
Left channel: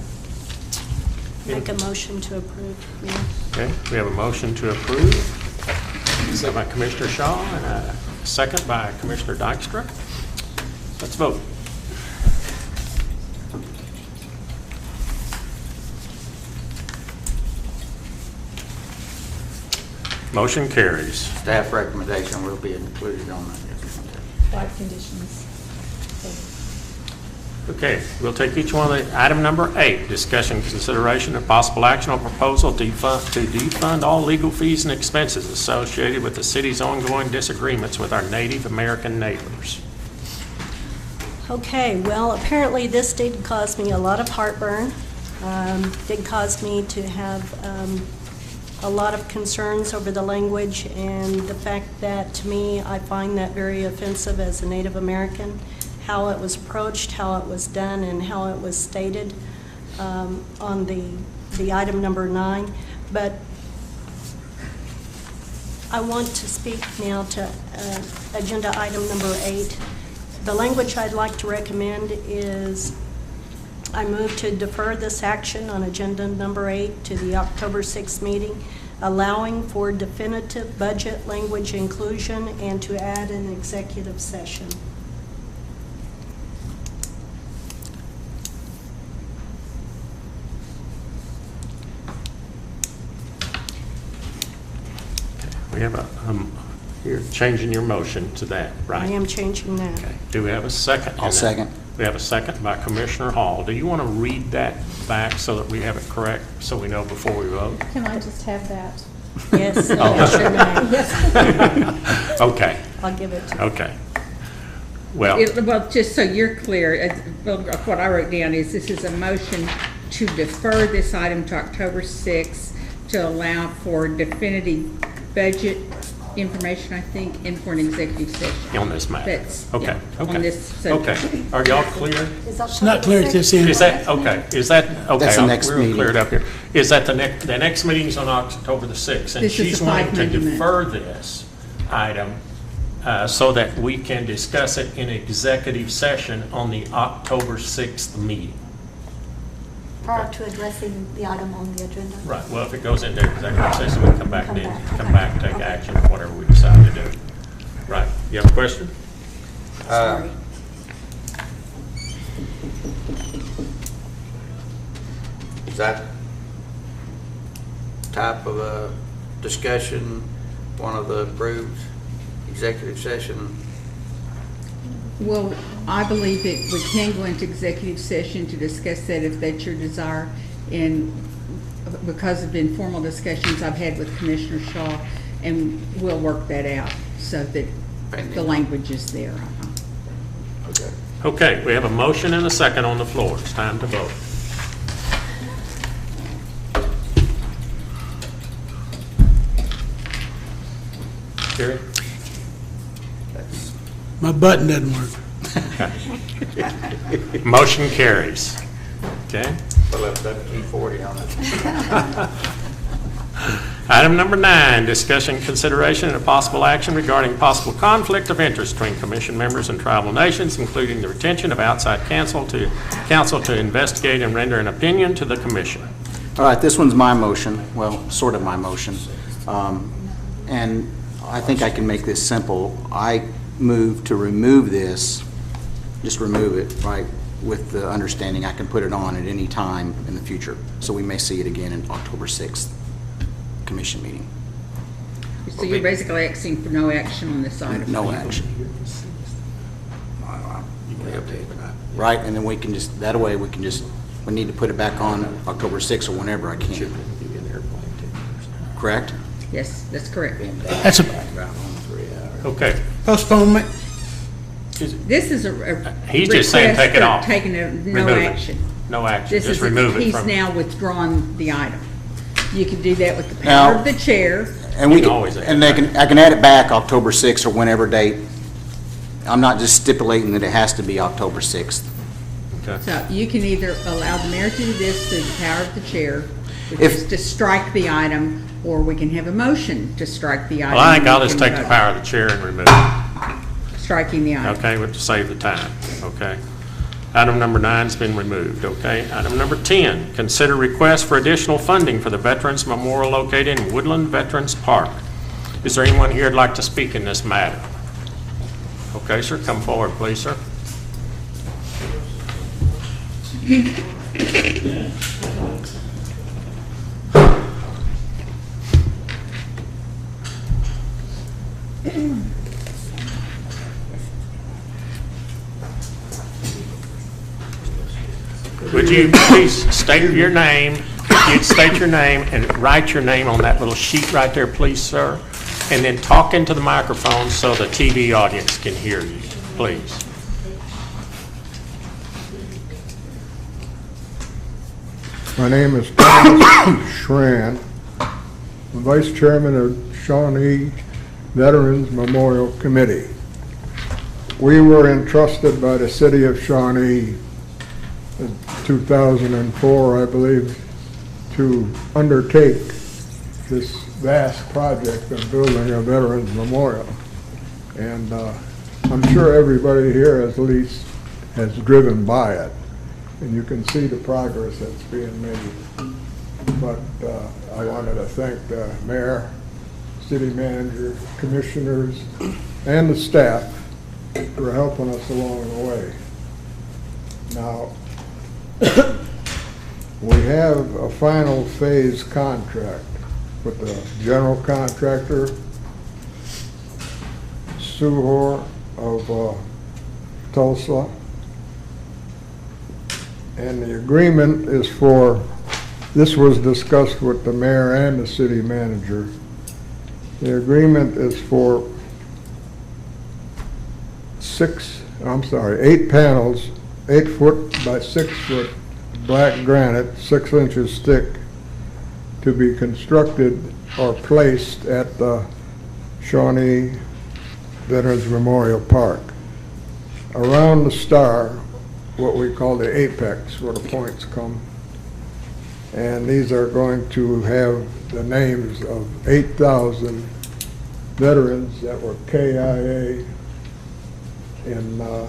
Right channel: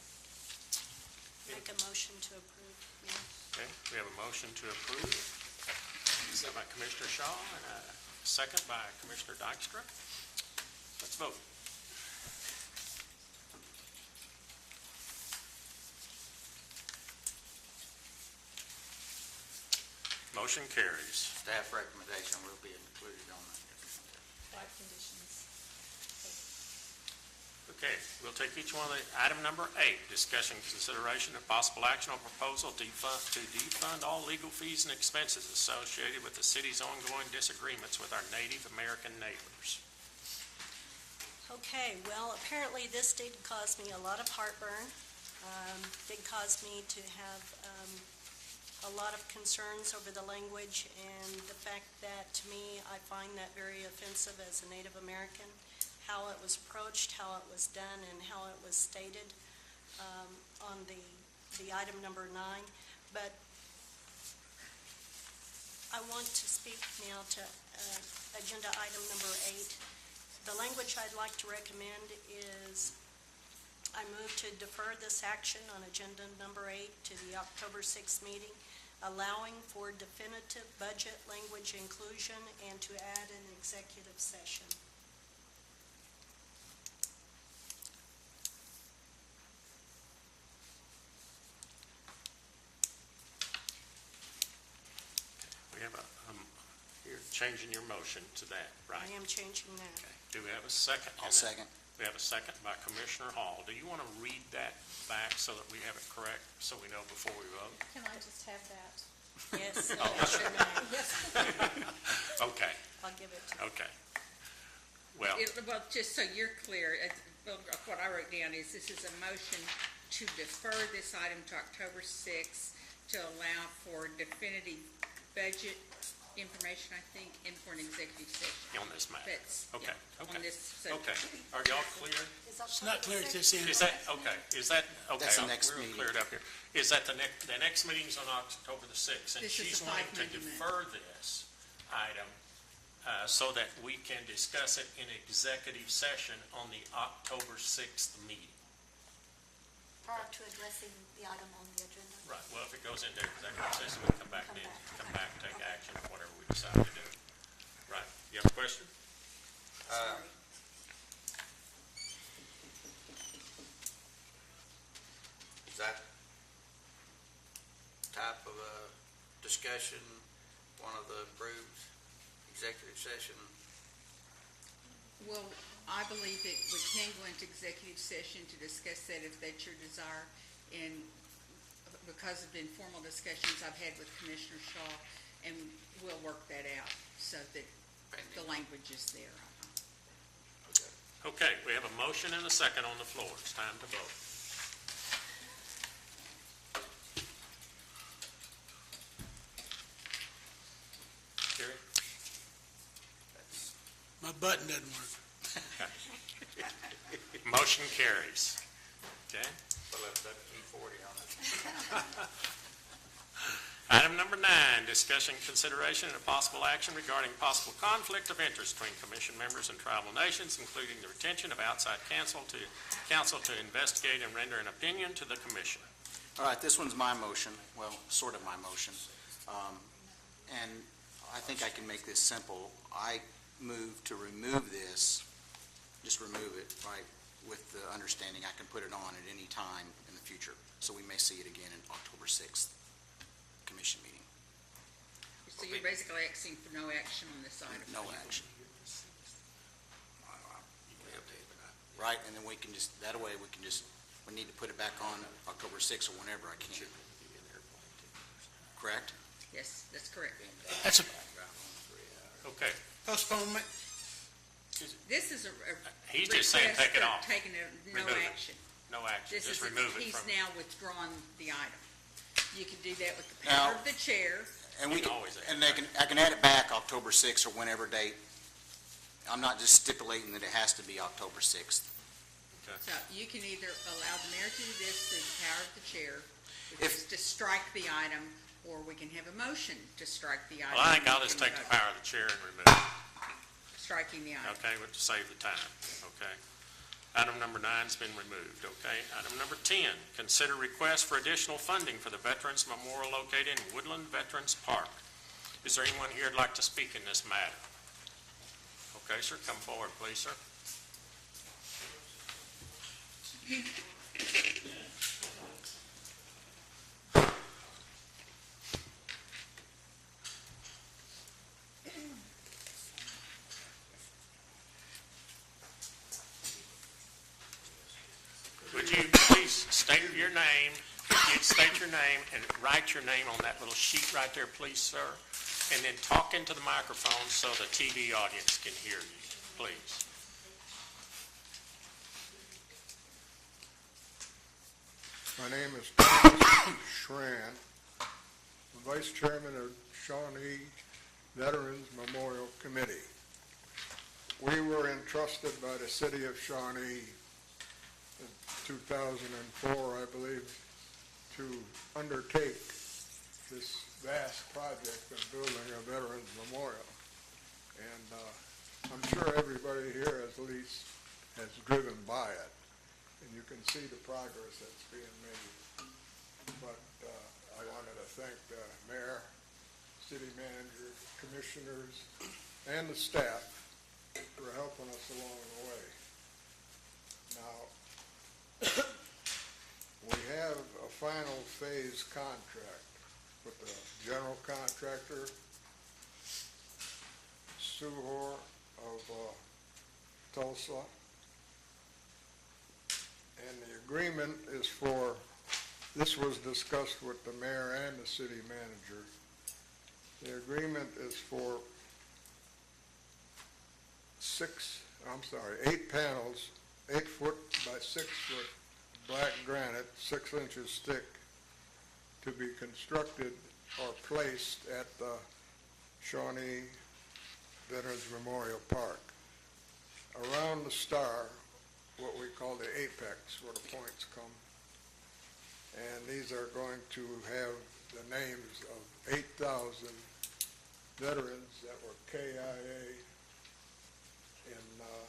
Make a motion to approve, Mayor. Okay, we have a motion to approve. Second by Commissioner Shaw and a second by Commissioner Dykstra. Let's vote. Motion carries. Staff recommendation will be included on that. 5 conditions. Okay, we'll take each one of the, item number 8, discussion, consideration, and possible action on proposal to defund all legal fees and expenses associated with the city's ongoing disagreements with our Native American neighbors. Okay, well, apparently this did cause me a lot of heartburn. Did cause me to have a lot of concerns over the language and the fact that, to me, I find that very offensive as a Native American, how it was approached, how it was done, and how it was stated on the item number 9. But I want to speak now to agenda item number 8. The language I'd like to recommend is I move to defer this action on agenda number 8 to the October 6th meeting, allowing for definitive budget language inclusion and to add an executive session. We have a, you're changing your motion to that, right? I am changing that. Okay. Do we have a second? I'll second. We have a second by Commissioner Hall. Do you want to read that back so that we have it correct, so we know before we vote? Can I just have that? Yes, Okay, I'll give it to you. okay. Well, Well, just so you're clear, what I wrote down is this is a motion to defer this item to October 6th to allow for definitive budget information, I think, and for an executive session. on this matter. That's, Okay, yeah, okay. on this subject. Okay, are y'all clear? It's not clear at this end. Is that, okay, is that, okay. That's the next we're meeting. cleared up here. Is that the next meeting's on October the 6th? And This is she's a wanting to 5 Monday defer this item so that we can discuss it in executive session on the October 6th meeting. Prior to addressing the item on the agenda. Right, well, if it goes into executive session, we come back and take action on whatever we decide to do. Right, you have a question? Sorry. Is that type of a discussion one of the approved executive session? Well, I believe that we can go into executive session to discuss that if that's your desire. And because of informal discussions I've had with Commissioner Shaw, and we'll work that out so that the language is there. Okay. Okay, we have a motion and a second on the floor. It's time to vote. Gary? My button doesn't work. Motion carries. Okay? We'll have that E40 on it. Item number 9, discussion, consideration, and a possible action regarding possible conflict of interest between commission members and tribal nations, including the retention of outside counsel to investigate and render an opinion to the commission. All right, this one's my motion, well, sort of my motion. And I think I can make this simple. I move to remove this, just remove it, right, with the understanding I can put it on at any time in the future. So we may see it again in October 6th commission meeting. So you're basically asking for no action on this item? No action. Right, and then we can just, that way we can just, we need to put it back on October 6th or whenever I can. Correct? Yes, that's correct. That's a Okay. postponement. This is a He's just saying request take it for off. taking no Remove it. action. no action, This just is, remove it he's from. now withdrawn the item. You can do that with the power Now- of the chair. And we You can can, always add and I can add it back October 6th or whenever date. I'm not just stipulating that it has to be October 6th. So you can either allow the mayor to do this through the power of the chair, which If- is to strike the item, or we can have a motion to strike the item. Well, I think and I'll we just can take the vote. power of the chair and remove it, Striking the item. okay, to save the time, okay? Item number 9's been removed, okay? Item number 10, consider request for additional funding for the Veterans Memorial located in Woodland Veterans Park. Is there anyone here who'd like to speak in this matter? Okay, sir, come forward, please, sir. Would you please state your name, if you'd state your name and write your name on that little sheet right there, please, sir, and then talk into the microphone so the TV audience can hear you, please. My name is Thomas Schran. I'm Vice Chairman of Shawnee Veterans Memorial Committee. We were entrusted by the city of Shawnee in 2004, I believe, to undertake this vast project of building a Veterans Memorial. And I'm sure everybody here at least has driven by it, and you can see the progress that's being made. But I wanted to thank the mayor, city manager, commissioners, and the staff for helping us along the way. Now, we have a final phase contract with the general contractor, Suhor of Tulsa. And the agreement is for, this was discussed with the mayor and the city manager. The agreement is for 8 panels, 8 foot by 6 foot black granite, 6 inches thick, to be constructed or placed at the Shawnee Veterans Memorial Park. Around the star, what we call the apex, where the points come. And these are going to have the names of 8,000 veterans that were KIA in the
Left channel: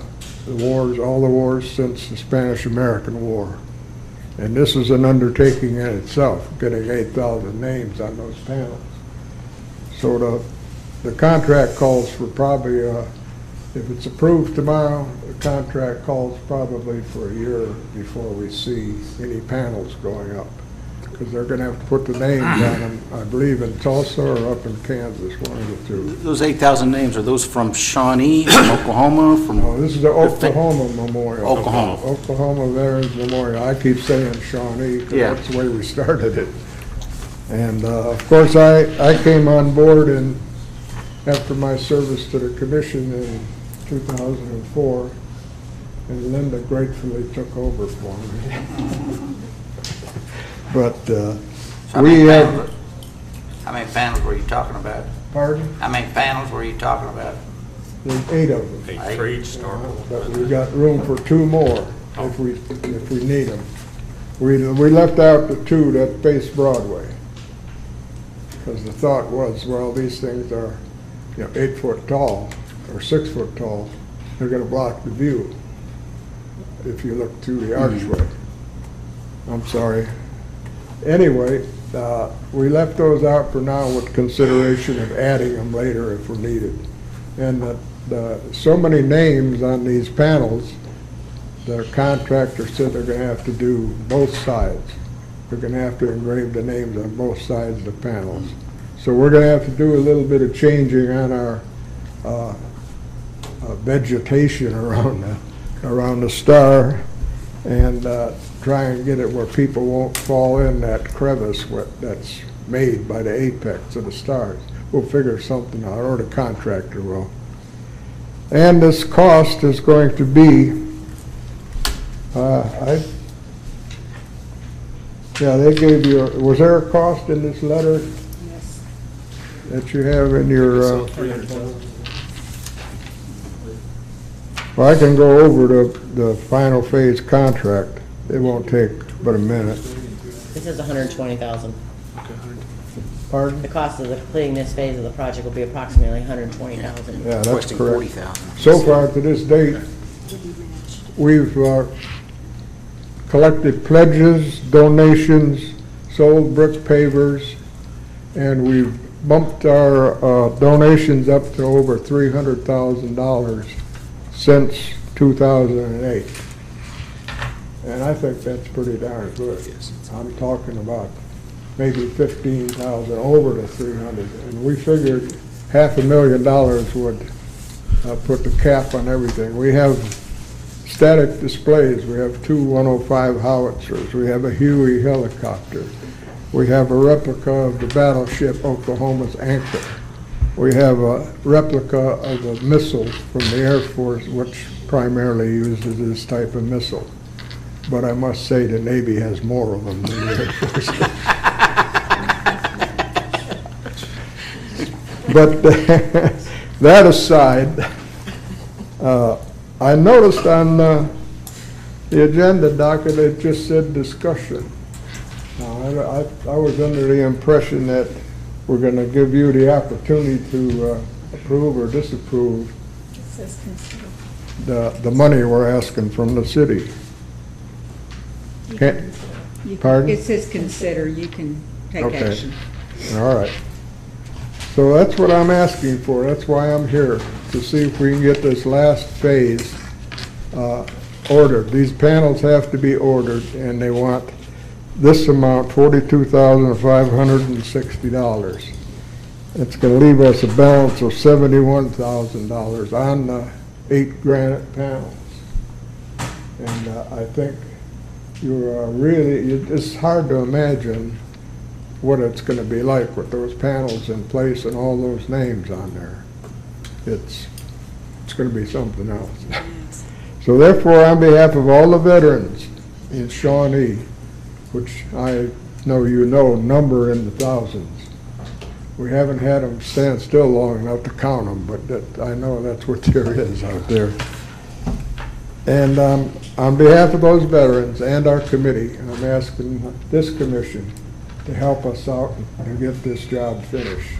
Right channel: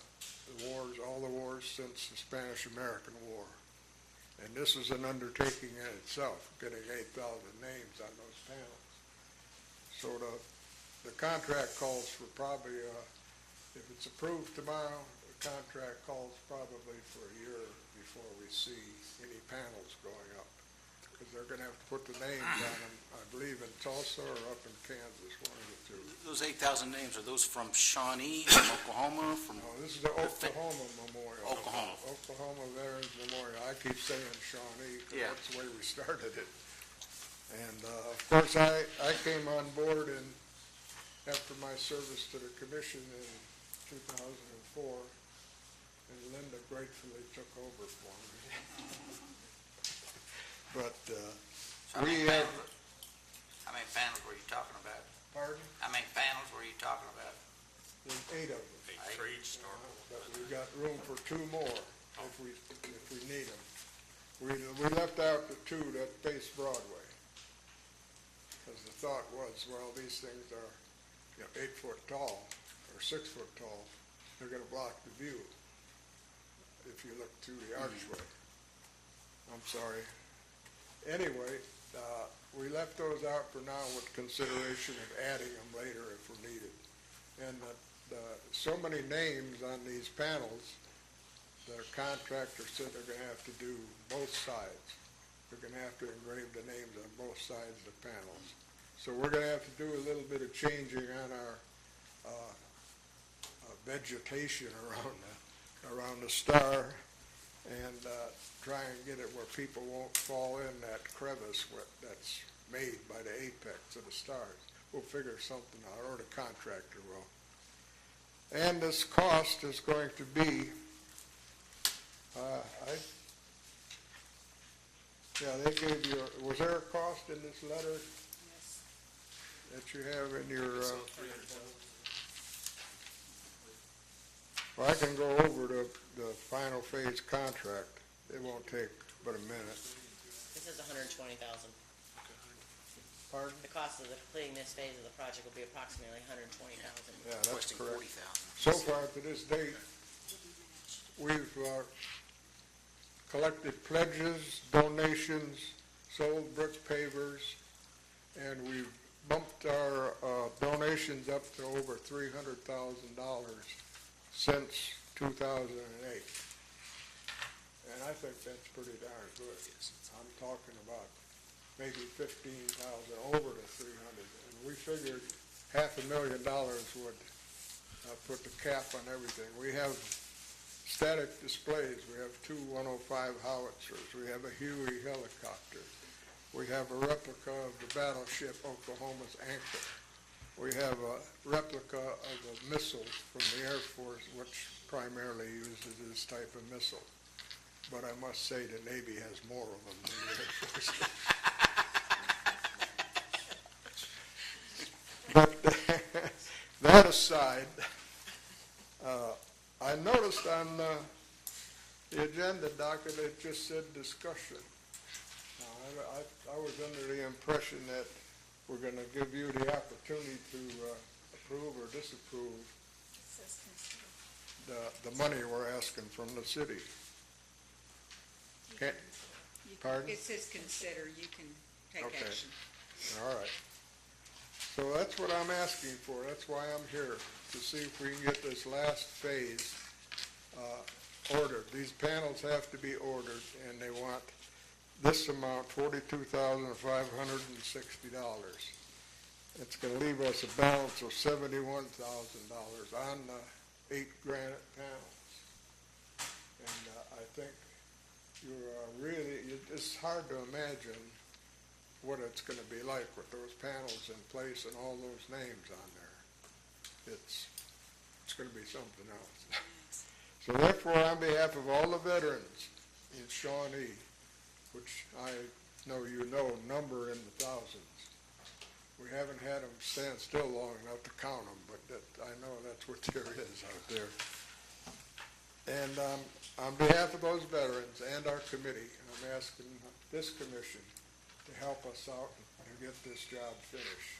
wars, all the wars since the Spanish-American War. And this is an undertaking in itself, getting 8,000 names on those panels. So the contract calls for probably, if it's approved tomorrow, the contract calls probably for a year before we see any panels going up. Because they're gonna have to put the names on them, I believe in Tulsa or up in Kansas, one of the two. Those 8,000 names, are those from Shawnee, from Oklahoma, from? No, this is the Oklahoma Memorial. Oklahoma. Oklahoma Veterans Memorial. I keep saying Shawnee, because Yeah. that's the way we started it. And, of course, I came on board and after my service to the commission in 2004, and Linda gratefully took over for me. But How we many have, panels- How many panels were you talking about? pardon, How many panels were you talking about? there's 8 of them. 8 for each star. But we got room for 2 more if we need them. We left out the 2 that face Broadway. Because the thought was, well, these things are, 8 foot tall or 6 foot tall. They're gonna block the view if you look through the archway. I'm sorry. Anyway, we left those out for now with consideration of adding them later if we're needed. And so many names on these panels, the contractor said they're gonna have to do both sides. They're gonna have to engrave the names on both sides of the panels. So we're gonna have to do a little bit of changing on our vegetation around the star and try and get it where people won't fall in that crevice that's made by the apex of the stars. We'll figure something out, or the contractor will. And this cost is going to be, Yeah, they gave you, was there a cost in this letter Yes. that you have in your, So 300,000. well, I can go over the final phase contract. It won't take but a minute. This is 120,000. Pardon? The cost of completing this phase of the project will be approximately 120,000. Yeah, that's Requesting correct. 40,000. So far to this date, we've collected pledges, donations, sold brick pavers, and we've bumped our donations up to over $300,000 since 2008. And I think that's pretty darn good. I'm talking about maybe 15,000 over the 300. And we figured $500,000 would put the cap on everything. We have static displays. We have two 105 howitzers. We have a Huey helicopter. We have a replica of the battleship Oklahoma's Anchor. We have a replica of a missile from the Air Force, which primarily uses this type of missile. But I must say the Navy has more of them than the Air Force. But that aside, I noticed on the agenda docket, it just said discussion. Now, I was under the impression that we're going to give you the opportunity to approve or disapprove It says consider. the money we're asking from the city. You Can't- can- you can- Pardon? It says consider, you can take Okay. action. All right. So that's what I'm asking for. That's why I'm here, to see if we can get this last phase ordered. These panels have to be ordered, and they want this amount, $42,560. It's going to leave us a balance of $71,000 on the 8 granite panels. And I think it's hard to imagine what it's going to be like with those panels in place and all those names on there. It's going to be something else. So therefore, on behalf of all the veterans in Shawnee, which I know you know number in the thousands, we haven't had them stand still long enough to count them, but I know that's what there is out there. And on behalf of those veterans and our committee, I'm asking this commission to help us out and get this job finished.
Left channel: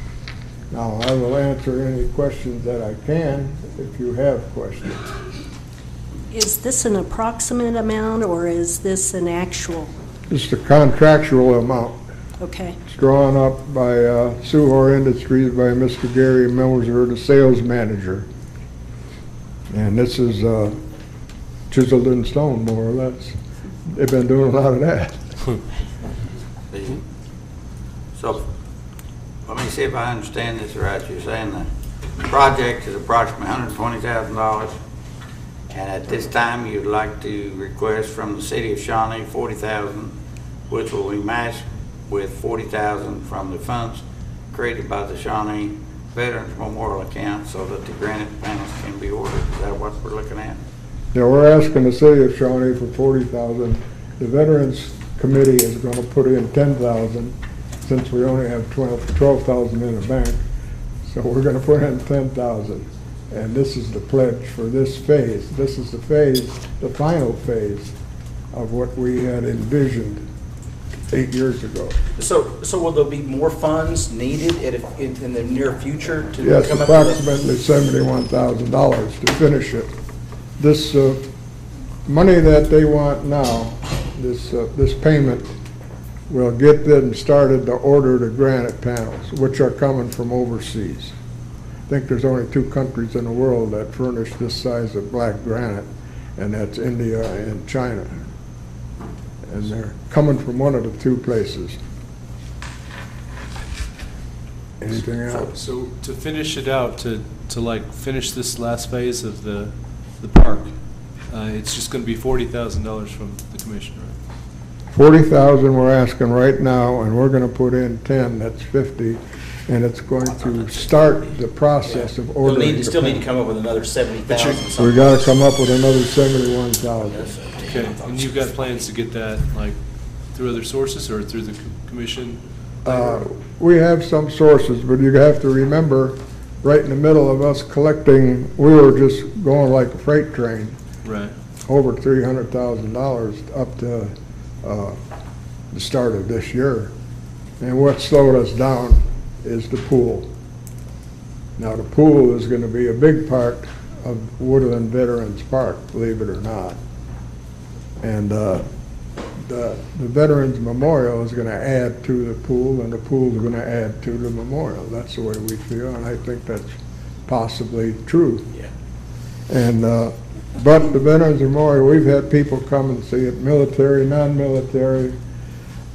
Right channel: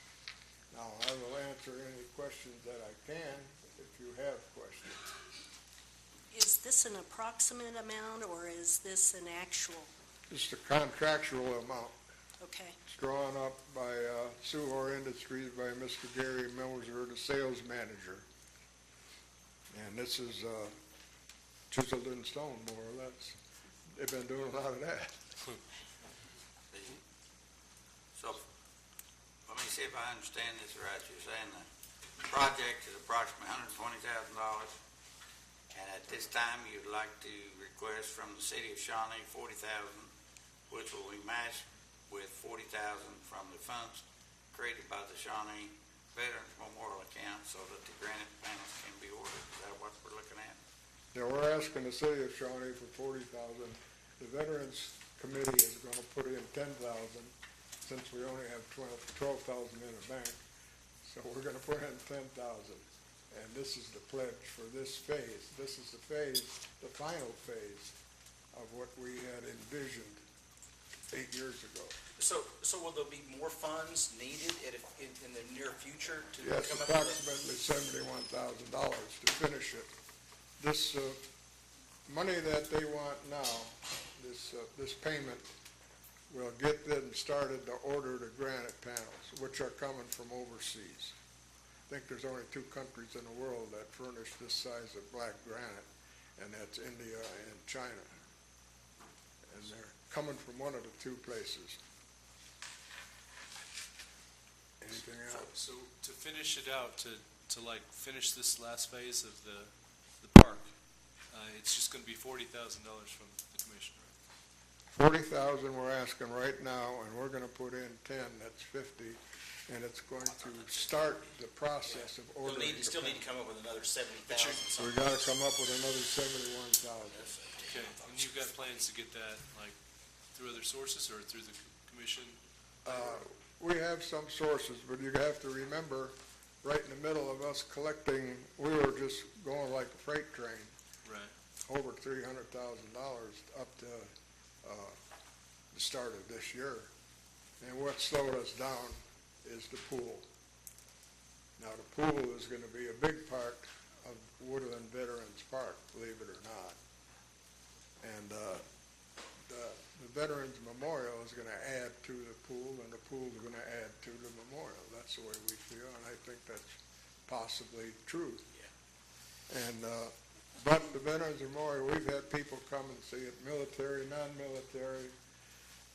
Now, I will answer any questions that I can if you have questions. Is this an approximate amount, or is this an actual? It's the contractual amount. Okay. It's drawn up by Suhor Industries by Mr. Gary Moser, the sales manager. And this is chiseled in stone, more or less. They've been doing a lot of that. So, let me see if I understand this right. You're saying the project is approximately $120,000, and at this time, you'd like to request from the city of Shawnee $40,000, which will be matched with $40,000 from the funds created by the Shawnee Veterans Memorial account so that the granite panels can be ordered. Is that what we're looking at? Yeah, we're asking the city of Shawnee for $40,000. The Veterans Committee is going to put in $10,000 since we only have $12,000 in the bank. So we're going to put in $10,000. And this is the pledge for this phase. This is the phase, the final phase of what we had envisioned 8 years ago. So will there be more funds needed in the near future to Yes, come up with approximately $71,000 to finish it. This money that they want now, this payment, will get them started to order the granite panels, which are coming from overseas. I think there's only 2 countries in the world that furnish this size of black granite, and that's India and China. And they're coming from one of the 2 places. Anything else? So to finish it out, to like finish this last phase of the park, it's just gonna be $40,000 from the commission, right? $40,000 we're asking right now, and we're gonna put in 10, that's 50, and it's going to start the process of ordering. You still need to come up with another $70,000. We gotta come up with another $71,000. Okay, and you've got plans to get that, like, through other sources or through the commission? We have some sources, but you have to remember, right in the middle of us collecting, we were just going like a freight train. Right. Over $300,000 up to the start of this year. And what slowed us down is the pool. Now, the pool is going to be a big part of Woodland Veterans Park, believe it or not. And the Veterans Memorial is going to add to the pool, and the pool is going to add to the memorial. That's the way we feel, and I think that's possibly true. Yeah. And but the Veterans Memorial, we've had people come and see it, military, non-military.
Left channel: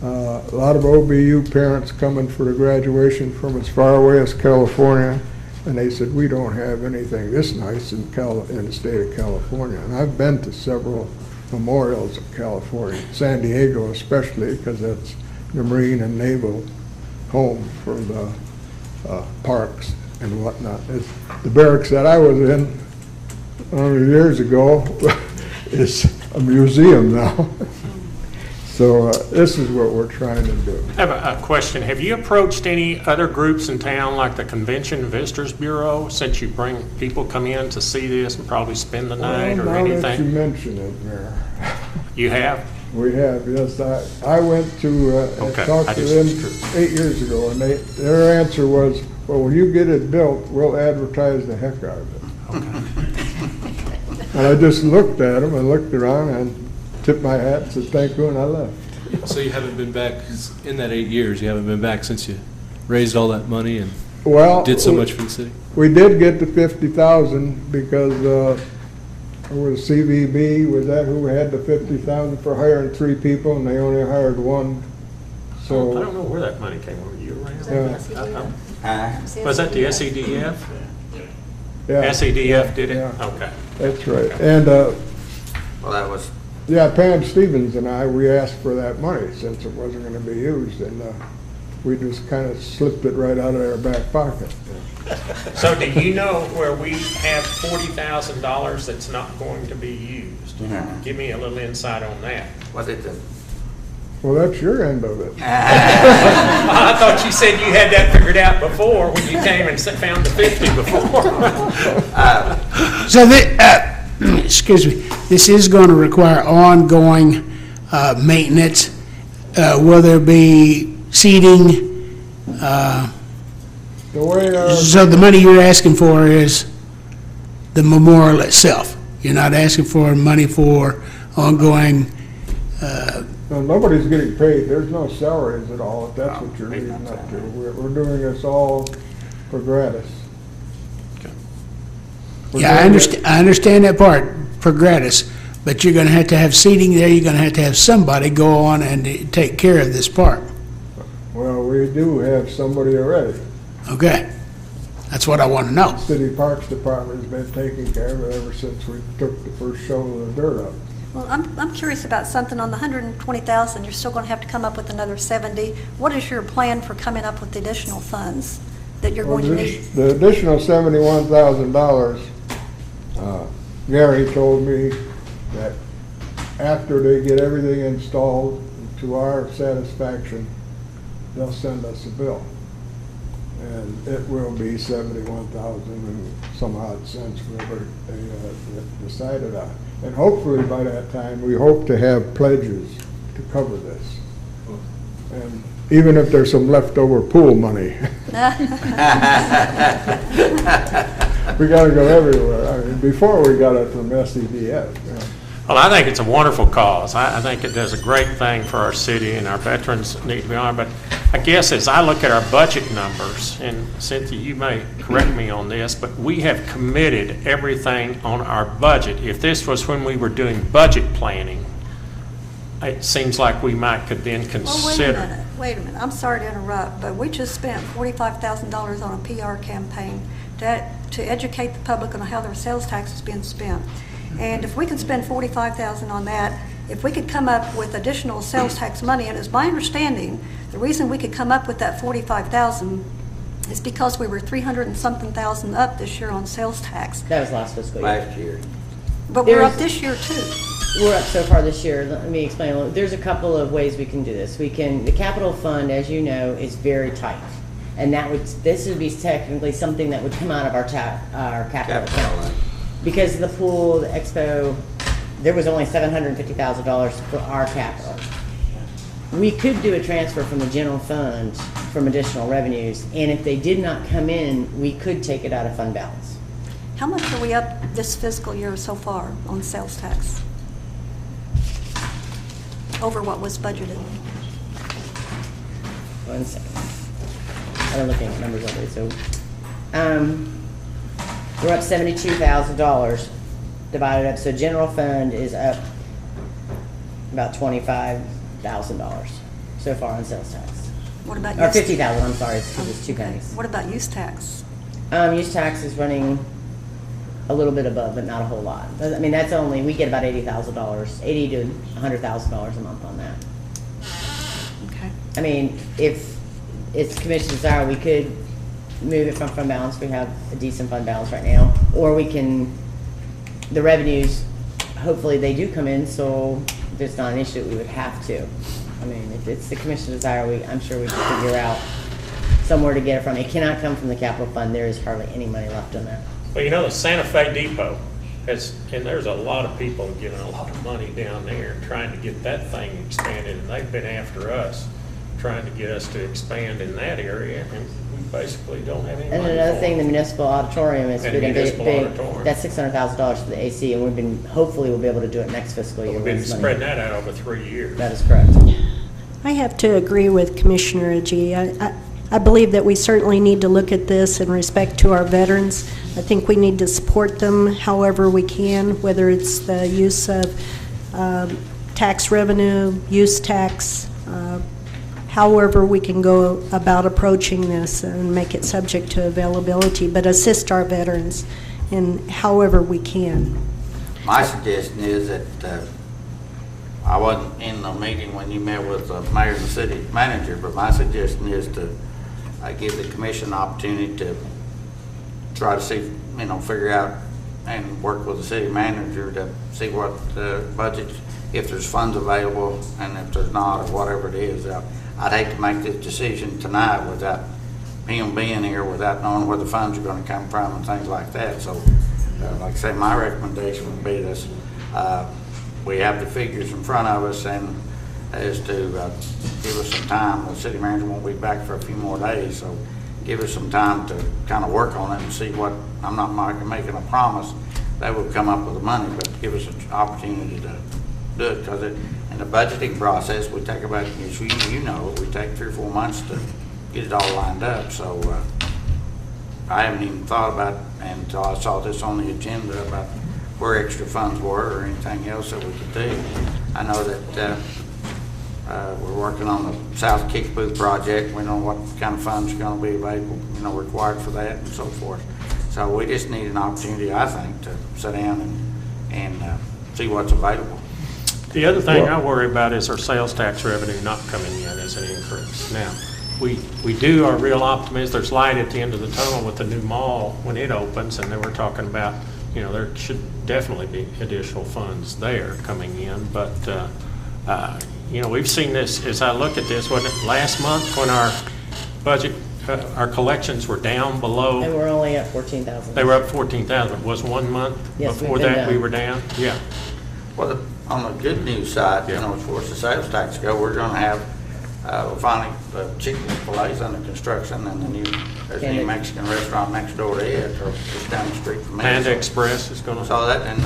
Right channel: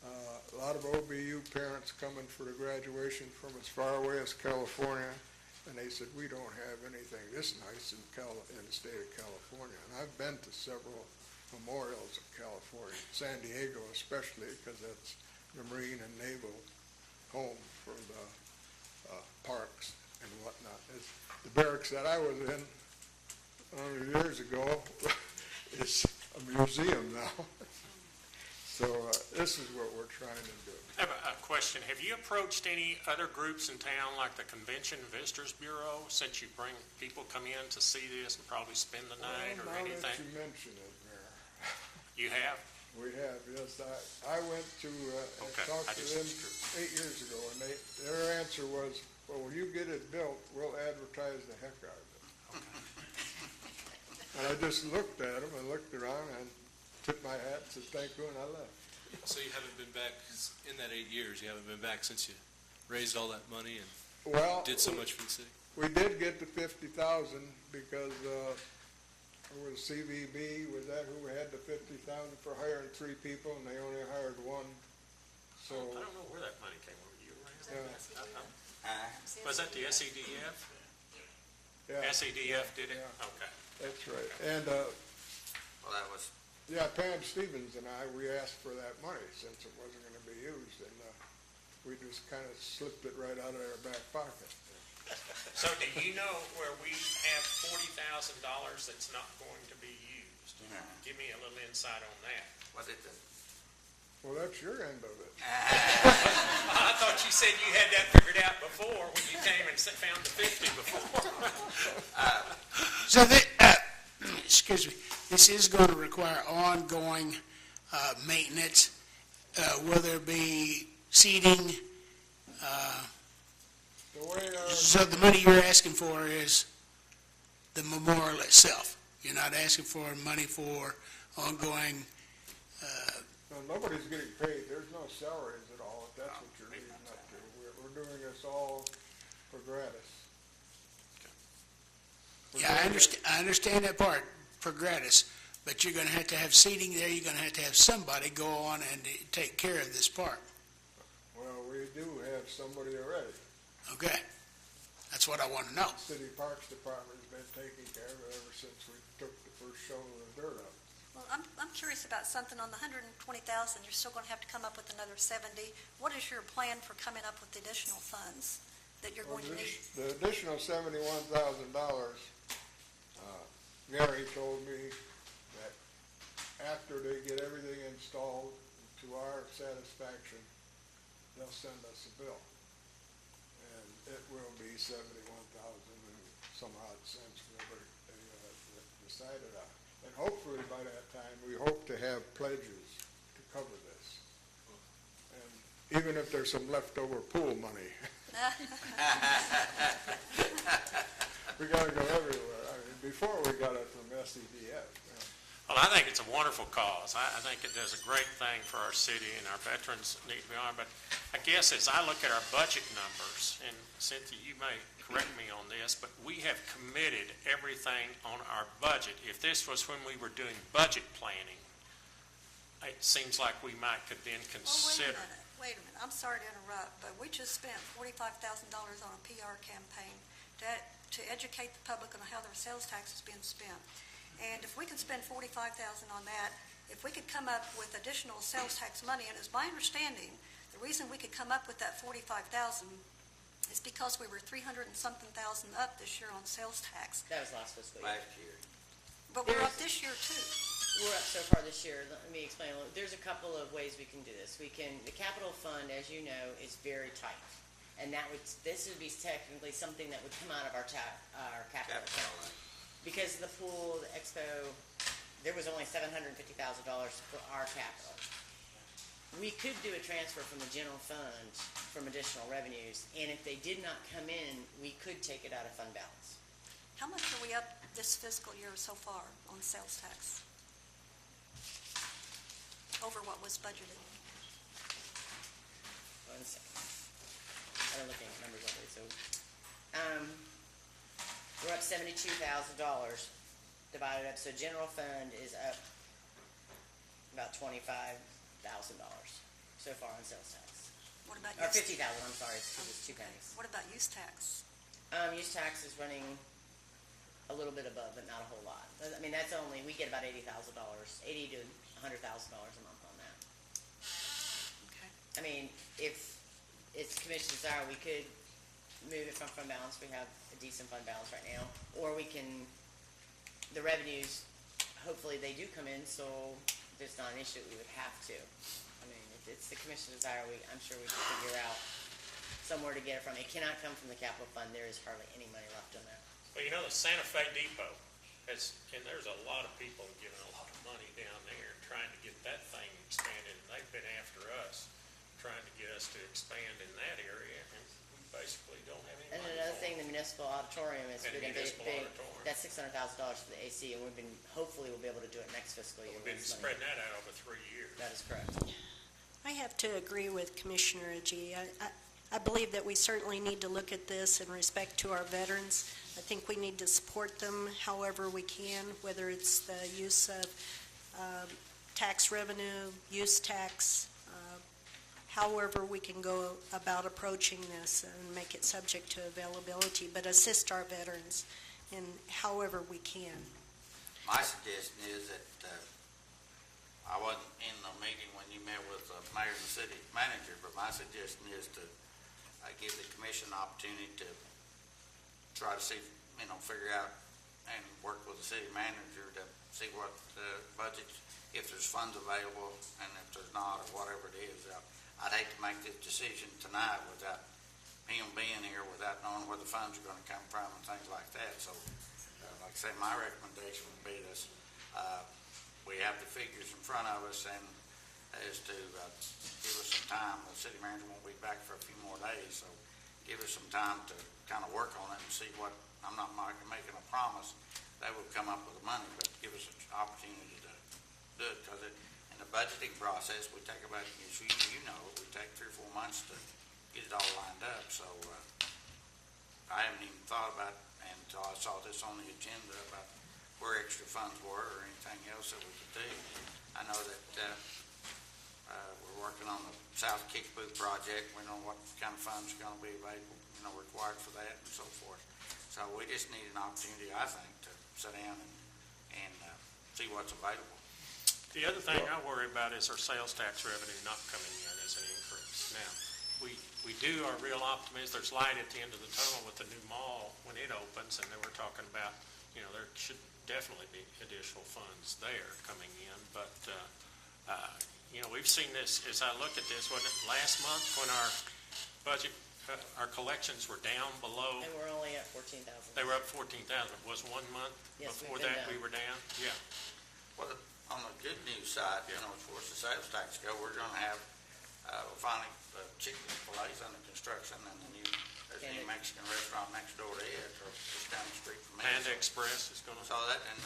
A lot of OBU parents coming for the graduation from as far away as California, and they said, we don't have anything this nice in the state of California. And I've been to several memorials of California, San Diego especially, because that's the Marine and Naval home for the parks and whatnot. The barracks that I was in 100 years ago is a museum now. So this is what we're trying to do. I have a question. Have you approached any other groups in town, like the Convention and Visitors Bureau, since you bring people come in to see this and probably spend the night or Now that you anything? mention it, Mayor. You have? We have, yes. I went to Okay, talk I to just- them 8 years ago, and their answer was, well, when you get it built, we'll advertise the heck out of it. Okay. And I just looked at them and looked around and tipped my hat and said thank you, and I left. So you haven't been back, in that 8 years, you haven't been back since you raised all that money and Well, did so much for the city? we did get the 50,000 because it was CVB, was that who had the 50,000 for hiring 3 people, and they only hired 1. I So, don't know where that money came from. You around? yeah, Was that the SEDF? yeah, SEDF did it? Yeah. Okay. that's right. And, Well, that was, yeah, Pam Stevens and we asked for that money since it wasn't gonna be used, and we just kind of slipped it right out of our back pocket. So do you know where we have $40,000 that's not going to be used? Give me a little insight on that. was it the, Well, that's your end of it. I thought you said you had that figured out before when you came and found the 50 before. So, excuse me, this is going to require ongoing maintenance. Will there be seating? The way So the money you're asking for is the memorial itself? You're not asking for money for ongoing, no, nobody's getting paid. There's no salaries at all, if that's what you're leading up to. We're doing this all for gratis. We're yeah, doing it- I understand that part, for gratis, but you're going to have seating there, you're going to have somebody go on and take care of this park. Well, we do have somebody already. Okay, that's what I want to know. City Parks Department has been taking care of it ever since we took the first shovel of dirt up. Well, I'm curious about something on the 120,000. You're still going to have to come up with another 70. What is your plan for coming up with the additional funds that you're going to need? The additional $71,000, Gary told me that after they get everything installed to our satisfaction, they'll send us a bill. And it will be 71,000 and some odd cents, whatever they decided on. And hopefully by that time, we hope to have pledges to cover this. And even if there's some leftover pool money. We gotta go everywhere. I mean, before we got it from SEDF. You know. Well, I think it's a wonderful cause. I think it does a great thing for our city, and our veterans need to be honored. But I guess as I look at our budget numbers, and Cynthia, you may correct me on this, but we have committed everything on our budget. If this was when we were doing budget planning, it seems like we could then consider. Wait a minute. I'm sorry to interrupt, but we just spent $45,000 on a PR campaign to educate the public on how their sales tax is being spent. And if we could spend $45,000 on that, if we could come up with additional sales tax money, and it's my understanding, the reason we could come up with that $45,000 is because we were 300 and something thousand up this year on sales tax. That was last fiscal year. last year? But we're up There's- this year too. we're up so far this year, let me explain a little. There's a couple of ways we can do this. The capital fund, as you know, is very tight. And this would be technically something that would come out of our capital account. Because of the pool, the expo, there was only $750,000 for our capital. We could do a transfer from the general fund from additional revenues, and if they did not come in, we could take it out of fund balance. How much are we up this fiscal year so far on sales tax? Over what was budgeted? 1 second. I'm looking at numbers already, so, we're up $72,000 divided up, so general fund is up about $25,000 so far on sales tax. What about Or use? 50,000, I'm sorry, it's two pennies. What about use tax? Use tax is running a little bit above, but not a whole lot. I mean, that's only, we get about $80,000, $80,000 to $100,000 a month on that. Okay. I mean, if it's commission's desire, we could move it from fund balance. We have a decent fund balance right now. Or we can, the revenues, hopefully they do come in, so there's not an issue, we would have to. I mean, if it's the commission's desire, I'm sure we can figure out somewhere to get it from. It cannot come from the capital fund. There is hardly any money left in that. Well, you know, the Santa Fe Depot has, and there's a lot of people giving a lot of money down there trying to get that thing expanded, and they've been after us, trying to get us to expand in that area, and we basically don't have any money. And another for thing, it. the municipal auditorium is And been a municipal big, auditorium. that's $600,000 for the AC, and hopefully we'll be able to do it next fiscal year. We've been with this money. spreading that out over 3 years. That is correct. I have to agree with Commissioner Agee. I believe that we certainly need to look at this in respect to our veterans. I think we need to support them however we can, whether it's the use of tax revenue, use tax, however we can go about approaching this and make it subject to availability, but assist our veterans in however we can. My suggestion is that, I wasn't in the meeting when you met with the mayor and the city manager, but my suggestion is to give the commission an opportunity to try to see, figure out and work with the city manager to see what the budget, if there's funds available, and if there's not, or whatever it is. I'd hate to make this decision tonight without him being here, without knowing where the funds are gonna come from and things like that. So, like I say, my recommendation would be this, we have the figures in front of us, and as to give us some time. The city manager won't be back for a few more days, so give us some time to kind of work on it and see what, I'm not making a promise that we'll come up with the money, but give us an opportunity to do it, because in the budgeting process, we take about, as you know, we take 3 or 4 months to get it all lined up. So I haven't even thought about, until I saw this on the agenda, about where extra funds were or anything else that we could do. I know that we're working on the South Kickapoo project. We know what kind of funds are going to be available, required for that and so forth. So we just need an opportunity, I think, to sit down and see what's available. The other thing I worry about is our sales tax revenue not coming in as an increase. Now, we are real optimists. There's light at the end of the tunnel with the new mall when it opens, and then we're talking about, there should definitely be additional funds there coming in. But, we've seen this, as I look at this, wasn't it last month when our budget, our collections were down below? And we're only at 14,000. They were up 14,000. It was 1 month Yes, before we've been that we down. were down? Yeah. Well, on the good news side, as far as the sales tax go, we're gonna have, finally, the chicken fillets under construction, and there's a new Mexican restaurant next door to it, or just down the street from me. Panda Express is gonna. So that, and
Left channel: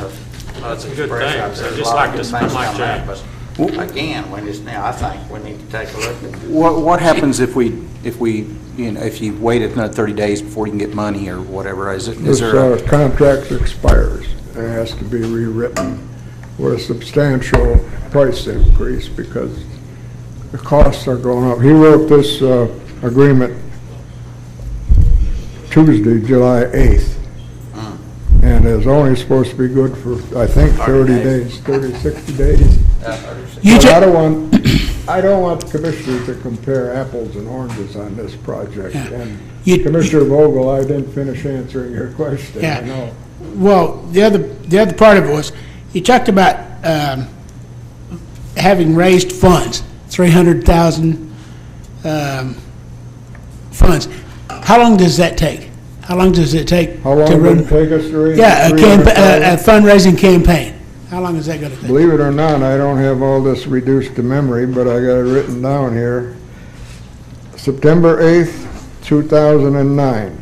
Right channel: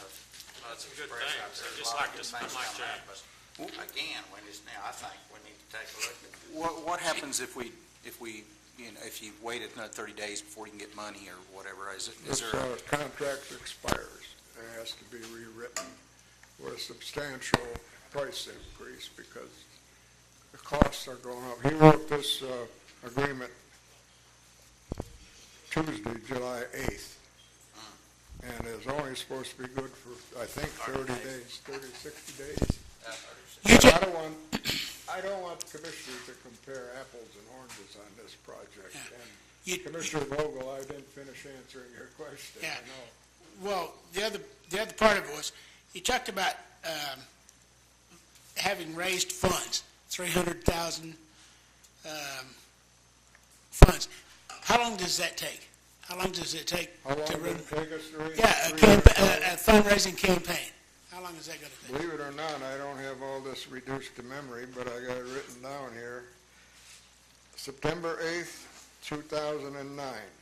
That's a good Express thing. out there, So there's just a lot like of good this, things unlike coming out, Jack's. but again, I think we need to take a look at. What happens if you wait another 30 days before you can get money or whatever? Is This there? contract expires. It has to be rewritten with a substantial price increase because the costs are going up. He wrote this agreement Tuesday, July 8th. And it's only supposed to be good for, I think, 30 days, 60 days. But I don't want the commissioners to compare apples and oranges on this project. And Commissioner Vogel, I didn't finish answering your question. I know. Well, the other part of it was, you talked about having raised funds, 300,000 funds, how long does that take? How long does it take? How long to did run? it take us to raise? Yeah, a 300,000? fundraising campaign. How long is that going to take? Believe it or not, I don't have all this reduced to memory, but I got it written down here. September 8th, 2009.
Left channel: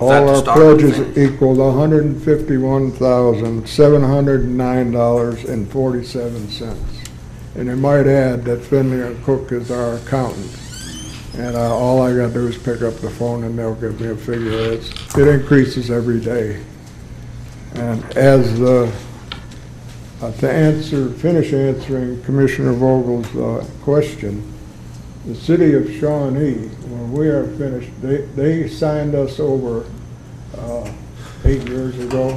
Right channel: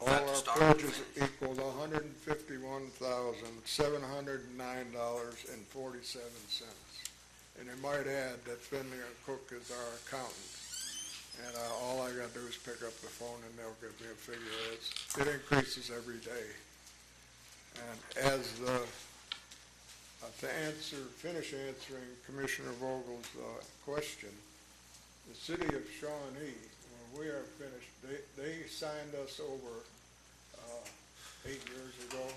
that All the our start and pledges finish? equaled $151,709.47. And I might add that Finley and Cook is our accountant. And all I gotta do is pick up the phone and they'll give me a figure. It increases every day. And as finish answering Commissioner Vogel's question, the city of Shawnee, when we are finished, they signed us over 8 years ago,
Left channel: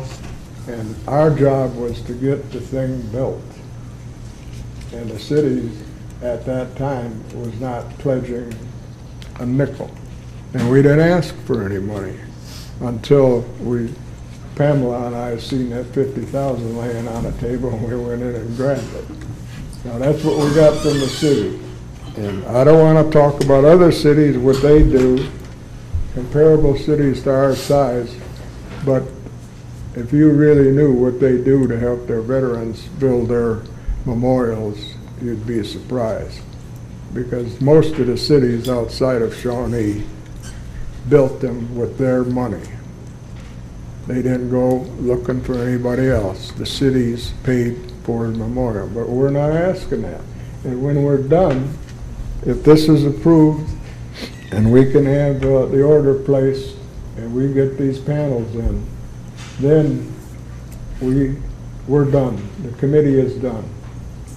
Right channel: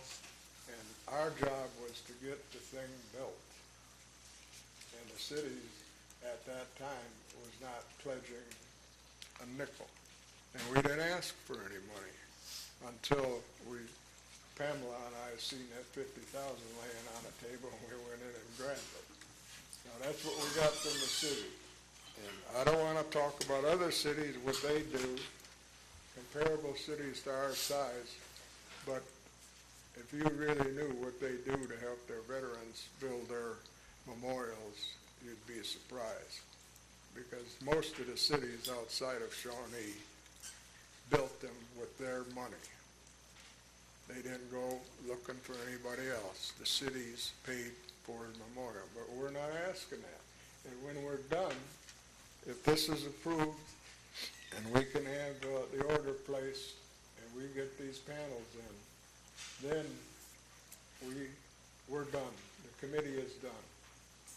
and our job was to get the thing built. And the city at that time was not pledging a nickel. And we didn't ask for any money until Pamela and I seen that 50,000 laying on the table, and we went in and grabbed it. Now, that's what we got from the city. And I don't want to talk about other cities, what they do, comparable cities to our size, but if you really knew what they do to help their veterans build their memorials, you'd be surprised. Because most of the cities outside of Shawnee built them with their money. They didn't go looking for anybody else. The cities paid for the memorial, but we're not asking that. And when we're done, if this is approved and we can have the order placed and we get these panels in, then we're done. The committee is done.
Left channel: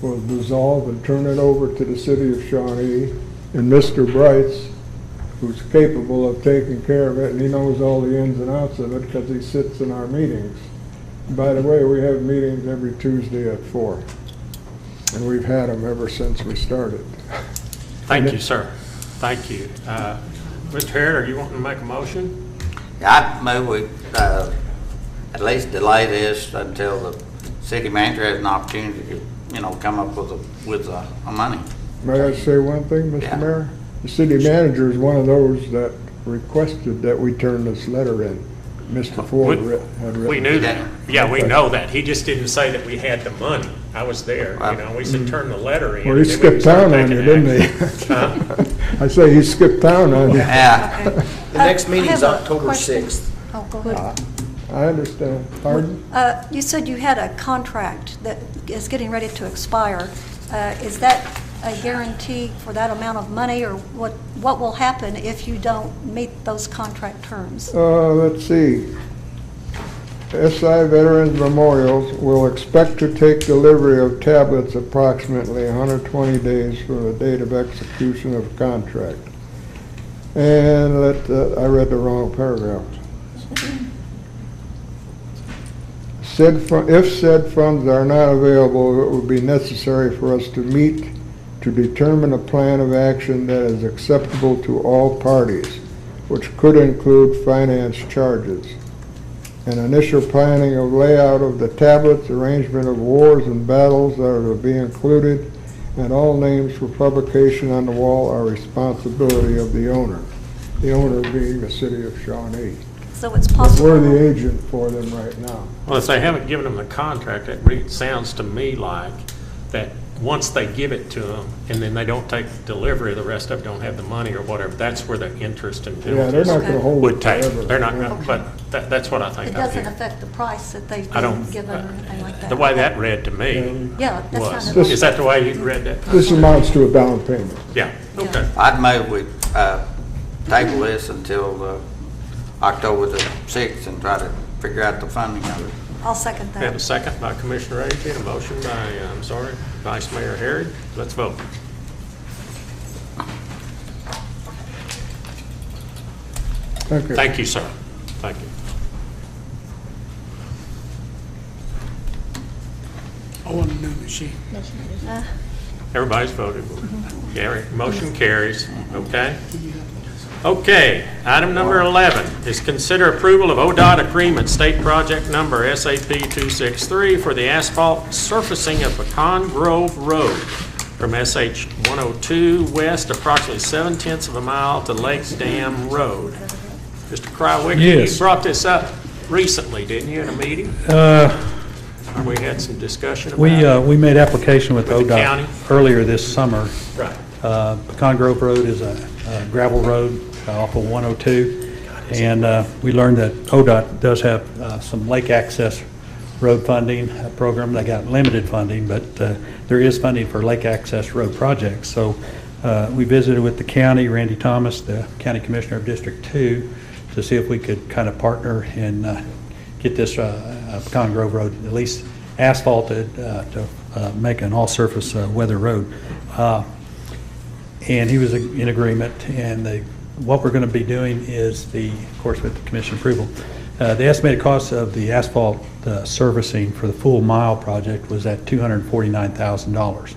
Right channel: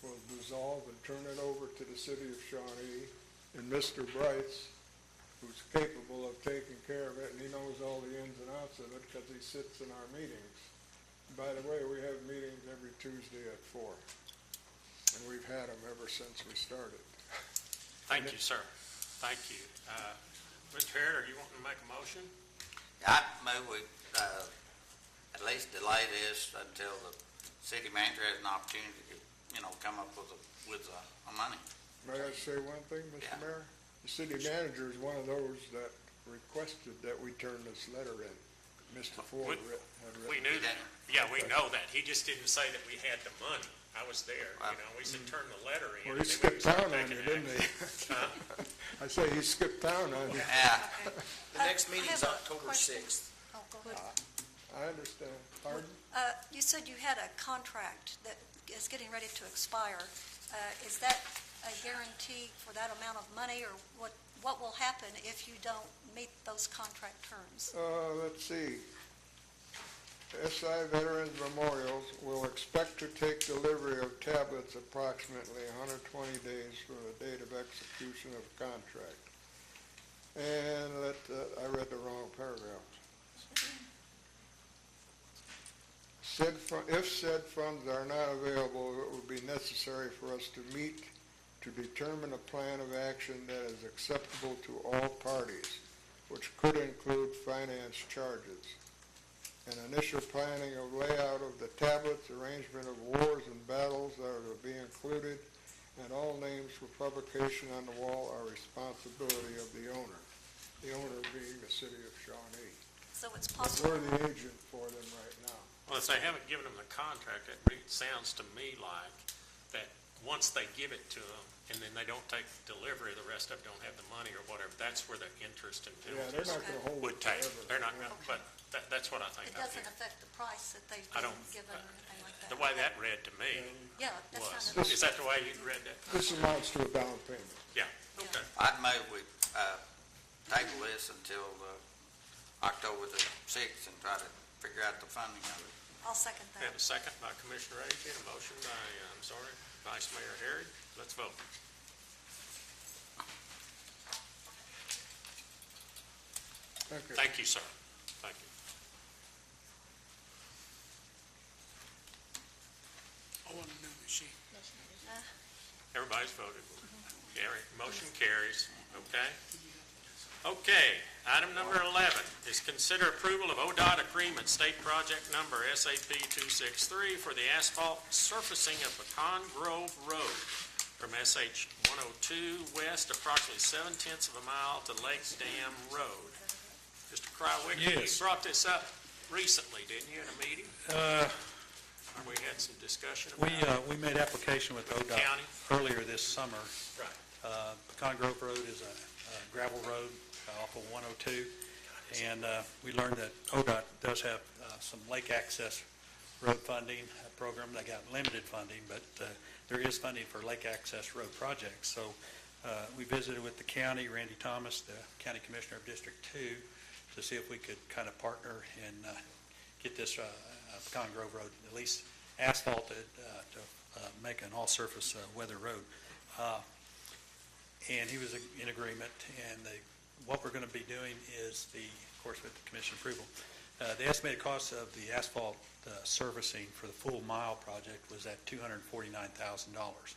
We'll dissolve and turn it over to the city of Shawnee, and Mr. Brights, who's capable of taking care of it, and he knows all the ins and outs of it because he sits in our meetings. And by the way, we have meetings every Tuesday at 4, and we've had them ever since we started. Thank you, sir. Thank you. Mr. Harrod, are you wanting to make a motion? I move we at least delay this until the city manager has an opportunity to, come up with money. May I say one thing, Mr. Yeah. Mayor? The city manager is one of those that requested that we turn this letter in. Mr. Ford had written. We knew that. Yeah, we know that. He just didn't say that we had the money. I was there, We said, turn the letter in. Well, he and then we skipped can start town on you, taking didn't he? action. I say he skipped town on you. Yeah. The next I meeting's have a October question. 6th. Oh, go ahead. I understand. Pardon? You said you had a contract that is getting ready to expire. Is that a guarantee for that amount of money, or what will happen if you don't meet those contract terms? Let's see. SI Veterans Memorials will expect to take delivery of tablets approximately 120 days from the date of execution of contract. And I read the wrong paragraph. If said funds are not available, it would be necessary for us to meet to determine a plan of action that is acceptable to all parties, which could include finance charges. An initial planning of layout of the tablets, arrangement of wars and battles that are to be included, and all names for publication on the wall are responsibility of the owner. The owner being the city of Shawnee. So it's But possible. we're the agent for them right now. Well, if they haven't given them the contract, it sounds to me like that once they give it to them and then they don't take delivery, the rest of them don't have the money or whatever, that's where the interest and Yeah, they're penalties not gonna hold would it take. forever. They're not gonna, Okay. but that's what I think. It I doesn't hear. affect the price that they've I been don't, given or anything like that? the way that read to me Yeah, that's was, kind of. is that the way you read that? This amounts to a down payment. Yeah, okay. I'd move we table this until October the 6th and try to figure out the funding of it. I'll second We have a that. second by Commissioner Agee, and a motion by, Vice Mayor Harrod. Let's vote. Okay. Thank you, sir. Thank you. I want a new machine. Everybody's voted. Motion carries, okay? Okay, item number 11 is consider approval of ODOT agreement, state project number SAP 263 for the asphalt surfacing of Pecan Grove Road from SH 102 west approximately 7/10 of a mile to Lake Dam Road. Mr. Krywick, Yes. you brought this up recently, didn't you, in a meeting? We had some discussion about it. We made application with With the ODOT county? earlier this summer. Right. Pecan Grove Road is a gravel road off of 102, and we learned that ODOT does have some lake access road funding program. They got limited funding, but there is funding for lake access road projects. So we visited with the county, Randy Thomas, the county commissioner of District 2, to see if we could kind of partner and get this Pecan Grove Road at least asphalted to make an all-surface weather road. And he was in agreement, and what we're going to be doing is of course, with the commission approval, the estimated cost of the asphalt servicing for the full mile project was at $249,000.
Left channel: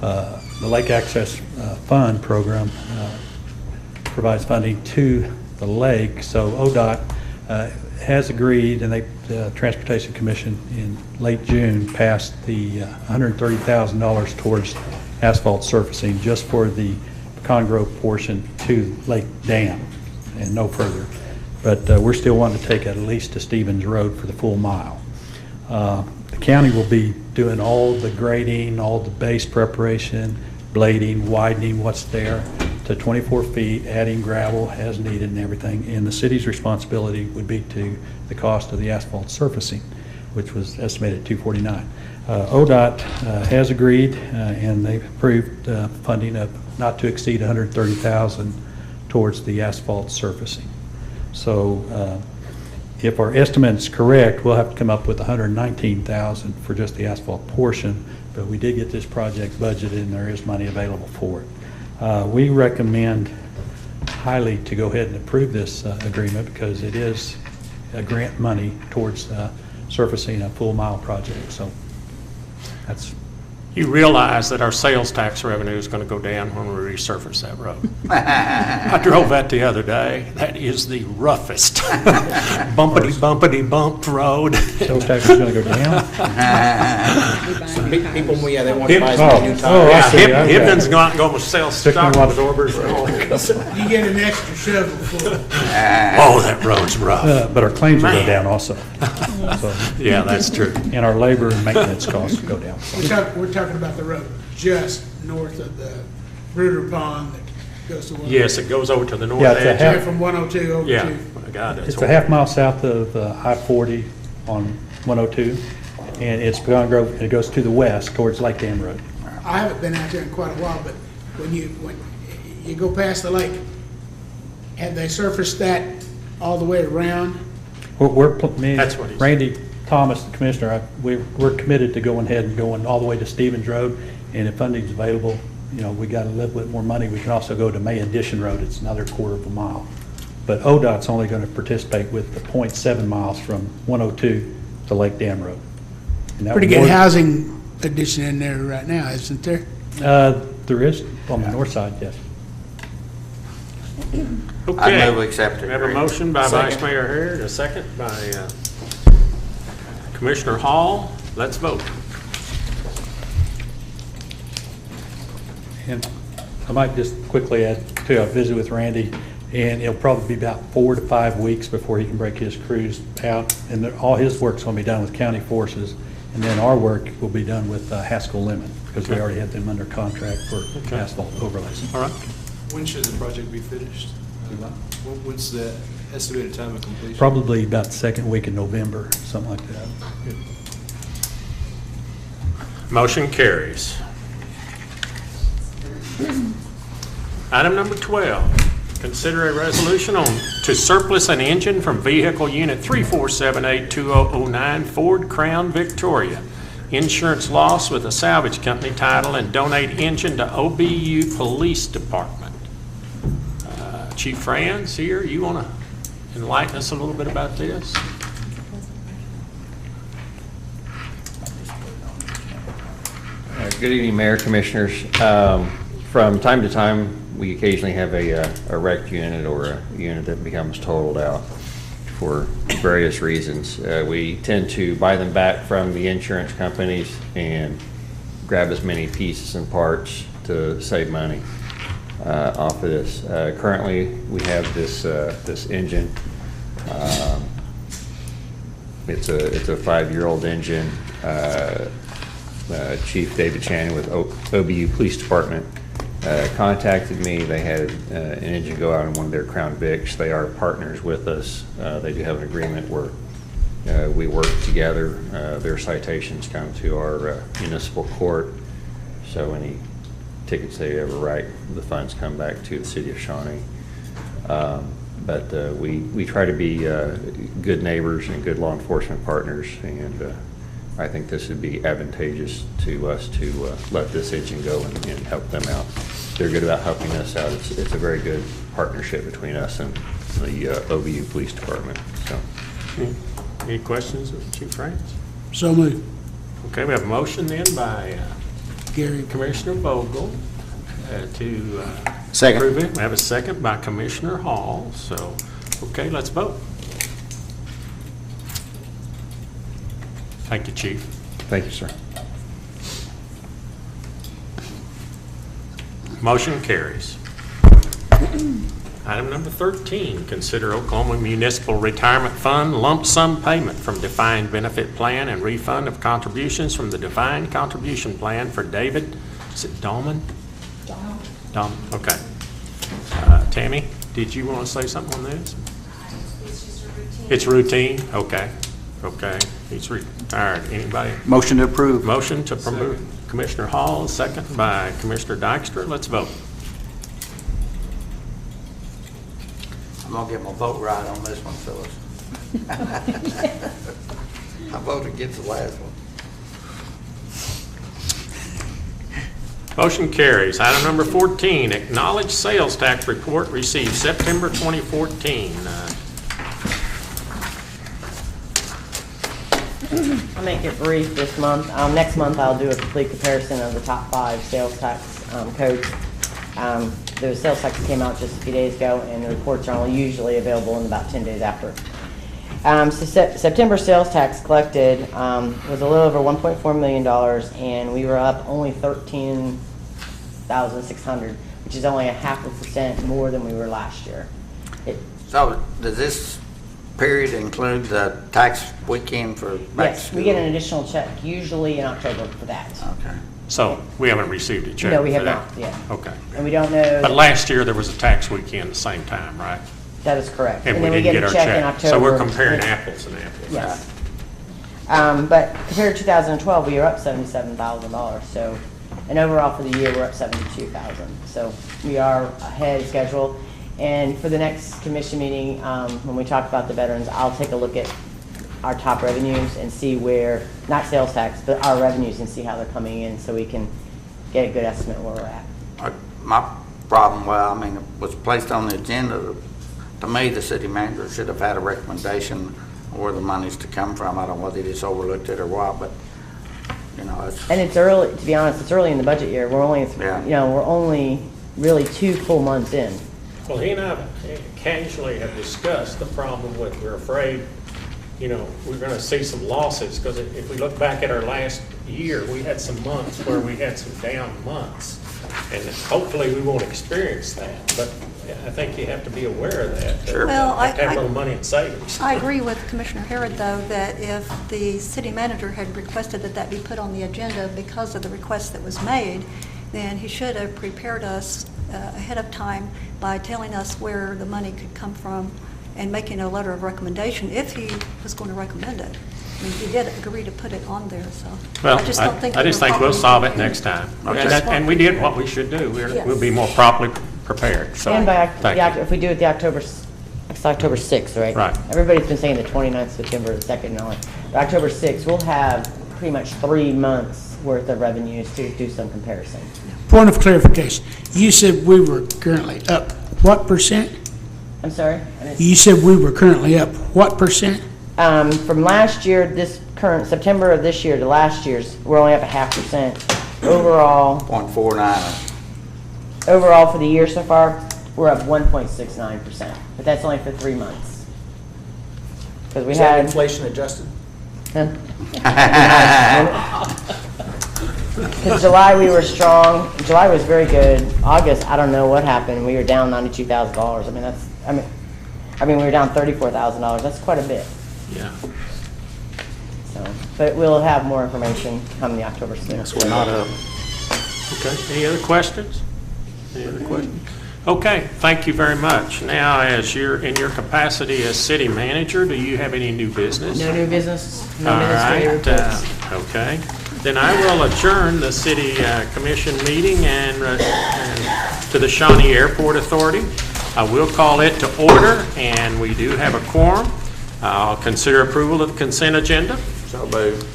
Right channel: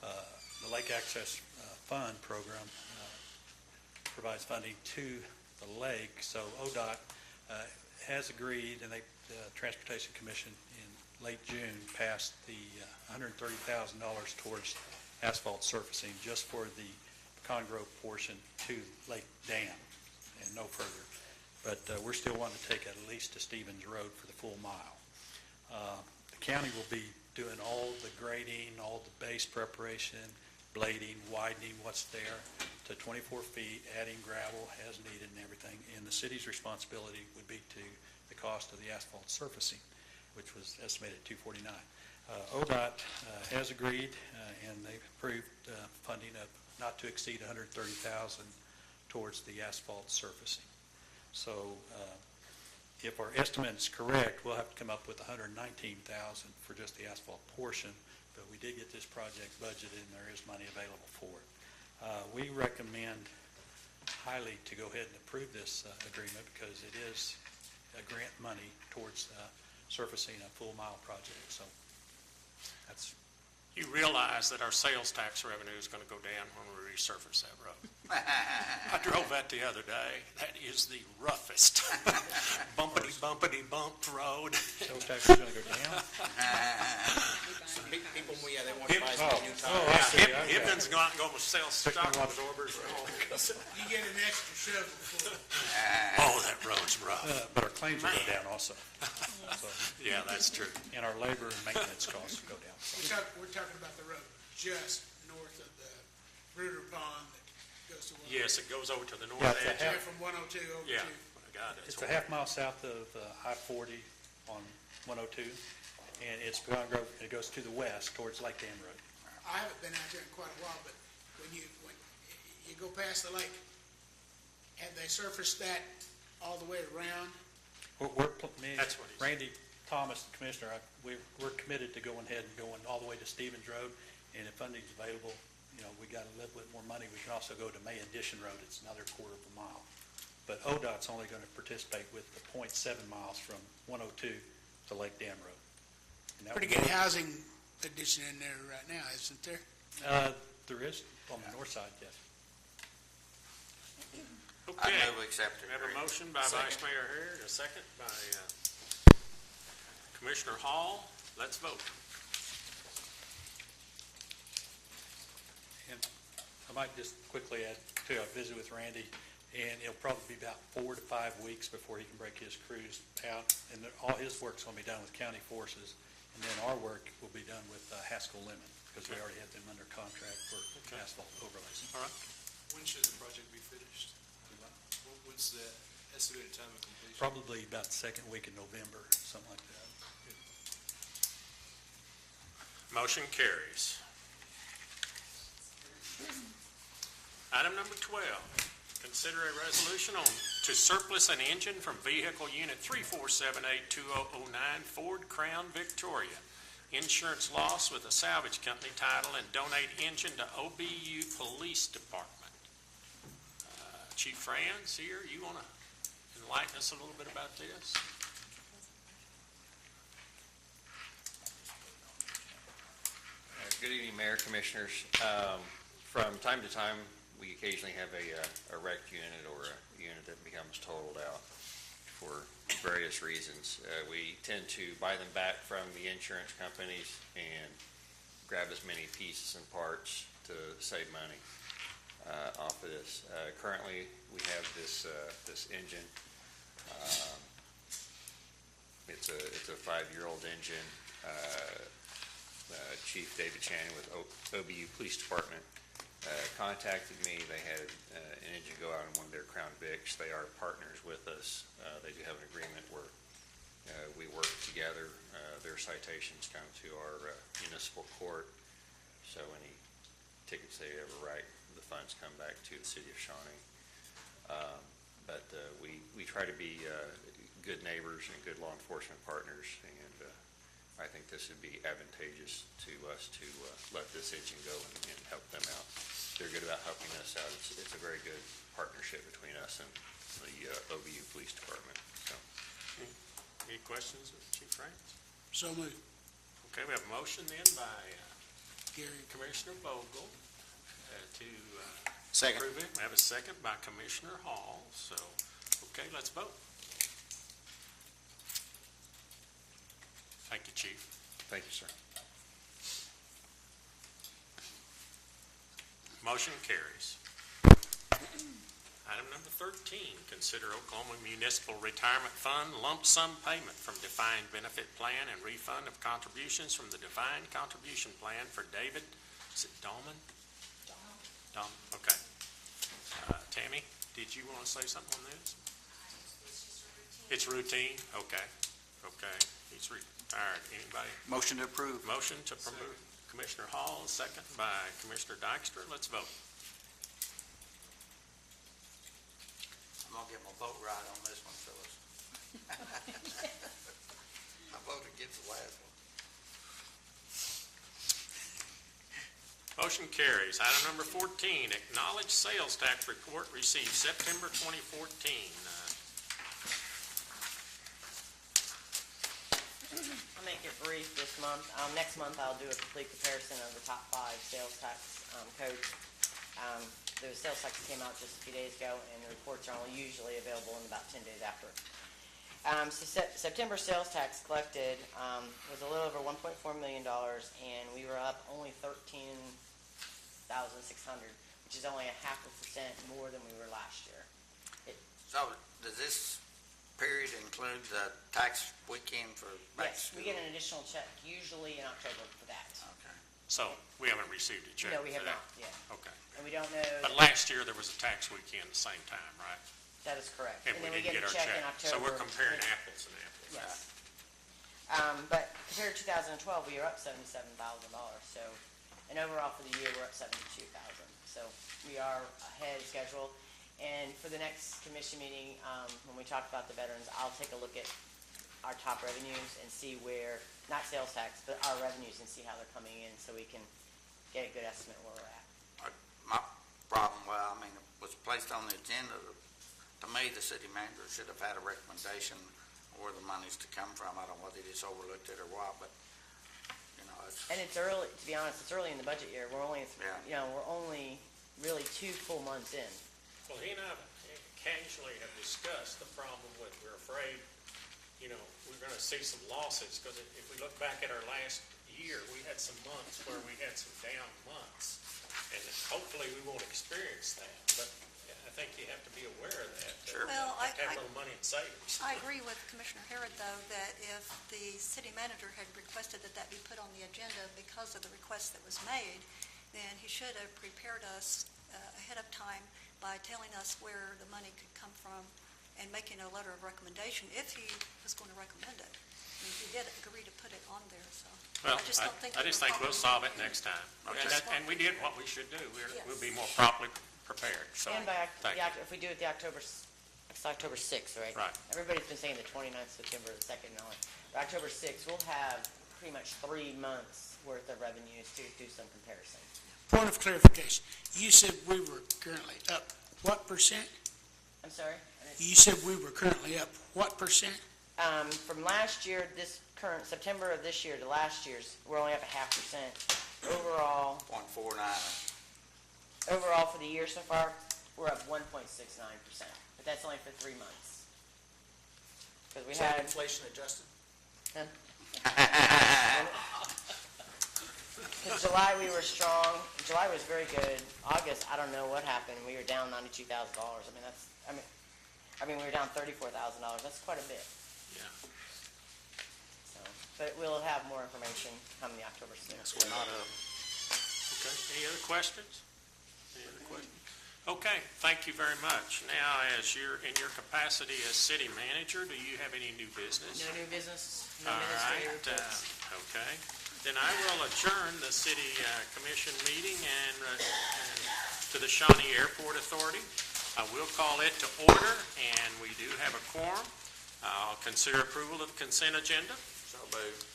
The Lake Access Fund program provides funding to the lake, so ODOT has agreed, and the Transportation Commission in late June passed the $130,000 towards asphalt surfacing just for the Pecan Grove portion to Lake Dam and no further. But we're still wanting to take it at least to Stevens Road for the full mile. The county will be doing all the grading, all the base preparation, blading, widening what's there to 24 feet, adding gravel as needed and everything. And the city's responsibility would be to the cost of the asphalt surfacing, which was estimated at $249,000. ODOT has agreed, and they've approved funding of not to exceed $130,000 towards the asphalt surfacing. So if our estimate is correct, we'll have to come up with $119,000 for just the asphalt portion, but we did get this project budgeted and there is money available for it. We recommend highly to go ahead and approve this agreement because it is a grant money towards surfacing a full mile project. So that's. You realize that our sales tax revenue is going to go down when we resurface that road. I drove that the other day. That is the roughest bumpity bumped road. Sales tax is going to go down? People, yeah, they want to buy some new tires. I see. Okay. Hibden's going to sell shock absorbers and all. You get an extra shovel full. Oh, that road's rough. But our claims will go Man. down also. So, Yeah, that's true. and our labor and maintenance costs go down. So. We're talking about the road just north of the Bruder Pond that goes to 102. Yes, it goes over to the north Yeah, it's a edge. half- Yeah, from 102 over Yeah, to. I got it. It's a half mile south of I-40 on 102, and it's Pecan Grove, and it goes to the west towards Lake Dam Road. I haven't been out there in quite a while, but when you you go past the lake, have they surfaced that all the way around? That's what he said. Randy Thomas, the commissioner, we're committed to going ahead and going all the way to Stevens Road, and if funding's available, you know, we got a little bit more money, we can also go to May Addition Road, it's another quarter of a mile. But ODOT's only going to participate with the 0.7 miles from 102 to Lake Dam Road. And that Pretty would good more- housing addition in there right now, isn't there? There is, on the north side, yes. Okay. I move we accept it. We have a motion by Second. Vice Mayor Harrod, a second by Commissioner Hall. Let's vote. And I might just quickly add, too, I visited with Randy, and it'll probably be about 4 to 5 weeks before he can break his crews out. And all his work's going to be done with county forces, and then our work will be done with Haskell Lemon, because we already have them under contract for asphalt overlays. All right. When should the project be finished? What's the estimated time of completion? Probably about the second week in November, something like that. Motion carries. Item number 12, consider a resolution to surplus an engine from vehicle unit 34782009 Ford Crown Victoria. Insurance loss with a salvage company title and donate engine to OBU Police Department. Chief Franz here, you want to enlighten us a little bit about this? Good evening, Mayor, Commissioners. From time to time, we occasionally have a wrecked unit or a unit that becomes totaled out for various reasons. We tend to buy them back from the insurance companies and grab as many pieces and parts to save money off of this. Currently, we have this engine. It's a 5-year-old engine. Chief David Channing with OBU Police Department contacted me. They had an engine go out in one of their Crown Vics. They are partners with us. They do have an agreement where we work together. Their citations come to our municipal court. So any tickets they ever write, the funds come back to the city of Shawnee. But we try to be good neighbors and good law enforcement partners, and I think this would be advantageous to us to let this engine go and help them out. They're good about helping us out. It's a very good partnership between us and the OBU Police Department. So, Any questions of Chief France? So moved. Okay, we have a motion then by Gary. Commissioner Vogel to Second. approve it. We have a second by Commissioner Hall. So, okay, let's vote. Thank you, Chief. thank you, sir. Motion carries. Item number 13, consider Oklahoma Municipal Retirement Fund lump sum payment from defined benefit plan and refund of contributions from the defined contribution plan for David, is it Dahlman? Dahlman, okay. Tammy, did you want to say something on this? It's just a routine. It's routine, okay, okay. He's retired. Anybody? Motion to approve. Motion to promote Commissioner Hall, second by Commissioner Dykstra. Let's vote. I'm gonna get my vote right on this one, Phyllis. I voted against the last one. Motion carries. Item number 14, acknowledge sales tax report received September 2014. I'll make it brief this month. Next month, I'll do a complete comparison of the top 5 sales tax codes. The sales tax came out just a few days ago, and the reports are only usually available in about 10 days after. So September sales tax collected was a little over $1.4 million, and we were up only 13,600, which is only 0.5% more than we were last year. So does this period include the tax weekend for back to Yes, school? we get an additional check usually in October for that. Okay. So we haven't received a check No, we for have that? not yet. Okay. And we don't know. But last year, there was a tax weekend at the same time, right? That is correct. And we then we didn't get get a our check in check. October. So we're comparing apples and apples. Yes. But compared to 2012, we are up $77,000. So, and overall for the year, we're up $72,000. So we are ahead of schedule. And for the next commission meeting, when we talk about the veterans, I'll take a look at our top revenues and see where, not sales tax, but our revenues, and see how they're coming in, so we can get a good estimate where we're at. My problem, well, I mean, it was placed on the agenda. To me, the city manager should have had a recommendation where the money's to come from. I don't know whether he just overlooked it or what, but, you know, it's. And it's early, to be honest, it's early in the budget year. We're only, Yeah. we're only really 2 full months in. Well, he and I casually have discussed the problem with, we're afraid, we're going to see some losses, because if we look back at our last year, we had some months where we had some down months, and hopefully we won't experience that. But I think you have to be aware of that. Sure. Well, Have to have a little money in savings. I agree with Commissioner Harrod, though, that if the city manager had requested that that be put on the agenda because of the request that was made, then he should have prepared us ahead of time by telling us where the money could come from and making a letter of recommendation if he was going to recommend it. I mean, he did agree to put it on there, so. Well, I just don't think. I just we were think we'll properly solve it prepared. next time. Okay. And we did what we should do. We'll be more properly prepared. So, And by, thank you. if we do it it's October 6th, right? Right. Everybody's been saying the 29th of September, the 2nd and all. But October 6th, we'll have pretty much 3 months worth of revenues to do some comparison. Point of clarification, you said we were currently up what percent? I'm sorry? You said we were currently up what percent? From last year, this current September of this year to last year's, we're only up 0.5%. Overall, 0.49. overall for the year so far, we're up 1.69%, but that's only for 3 months. Because we Is that had. inflation adjusted? Because July we were strong. July was very good. August, I don't know what happened. We were down $92,000. I mean we were down $34,000. That's quite a bit. Yeah. So, but we'll have more information come the October 6th. Yes, we're not up. Okay, any other questions? Any other questions? Okay, thank you very much. Now, as you're in your capacity as city manager, do you have any new business? No new business, no All administrative right, reports. okay. Then I will adjourn the city commission meeting and to the Shawnee Airport Authority. I will call it to order, and we do have a quorum. I'll consider approval of the consent agenda. So moved.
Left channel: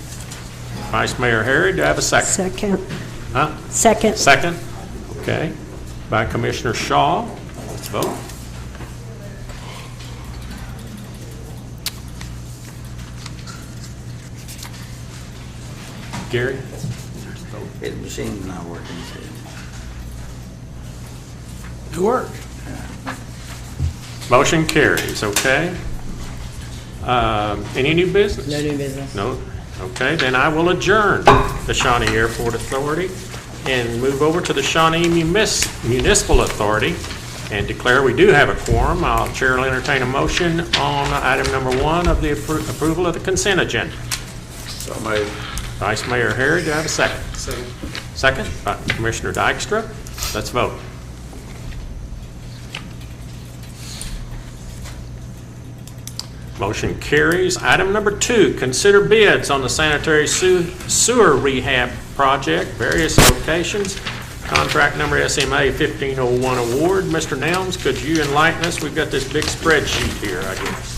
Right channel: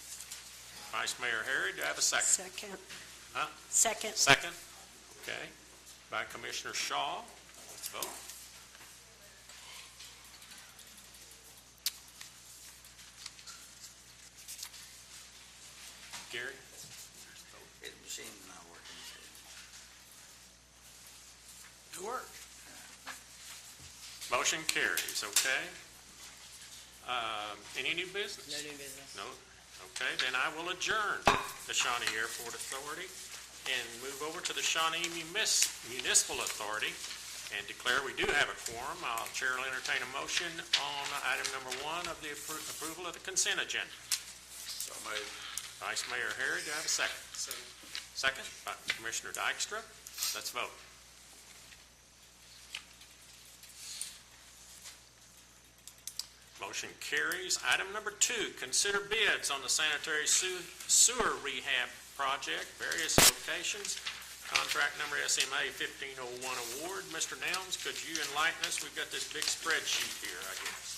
Vice Mayor Harry, do I have a second? Second. Huh? Second. Second? Okay. By Commissioner Shaw. Let's vote. Gary? His machine's not working. It worked. Motion carries, okay. Any new business? No new business. No? Okay, then I will adjourn the Shawnee Airport Authority and move over to the Shawnee Municipal Authority and declare we do have a quorum. I'll chair will entertain a motion on item number 1 of the approval of the consent agenda. So moved. Vice Mayor Harry, do I have a second? Second. Second by Commissioner Dykstra. Let's vote. Motion carries. Item number 2, consider bids on the sanitary sewer rehab project, various locations. Contract number SMA 1501 award. Mr. Nelms, could you enlighten us? We've got this big spreadsheet here, I guess.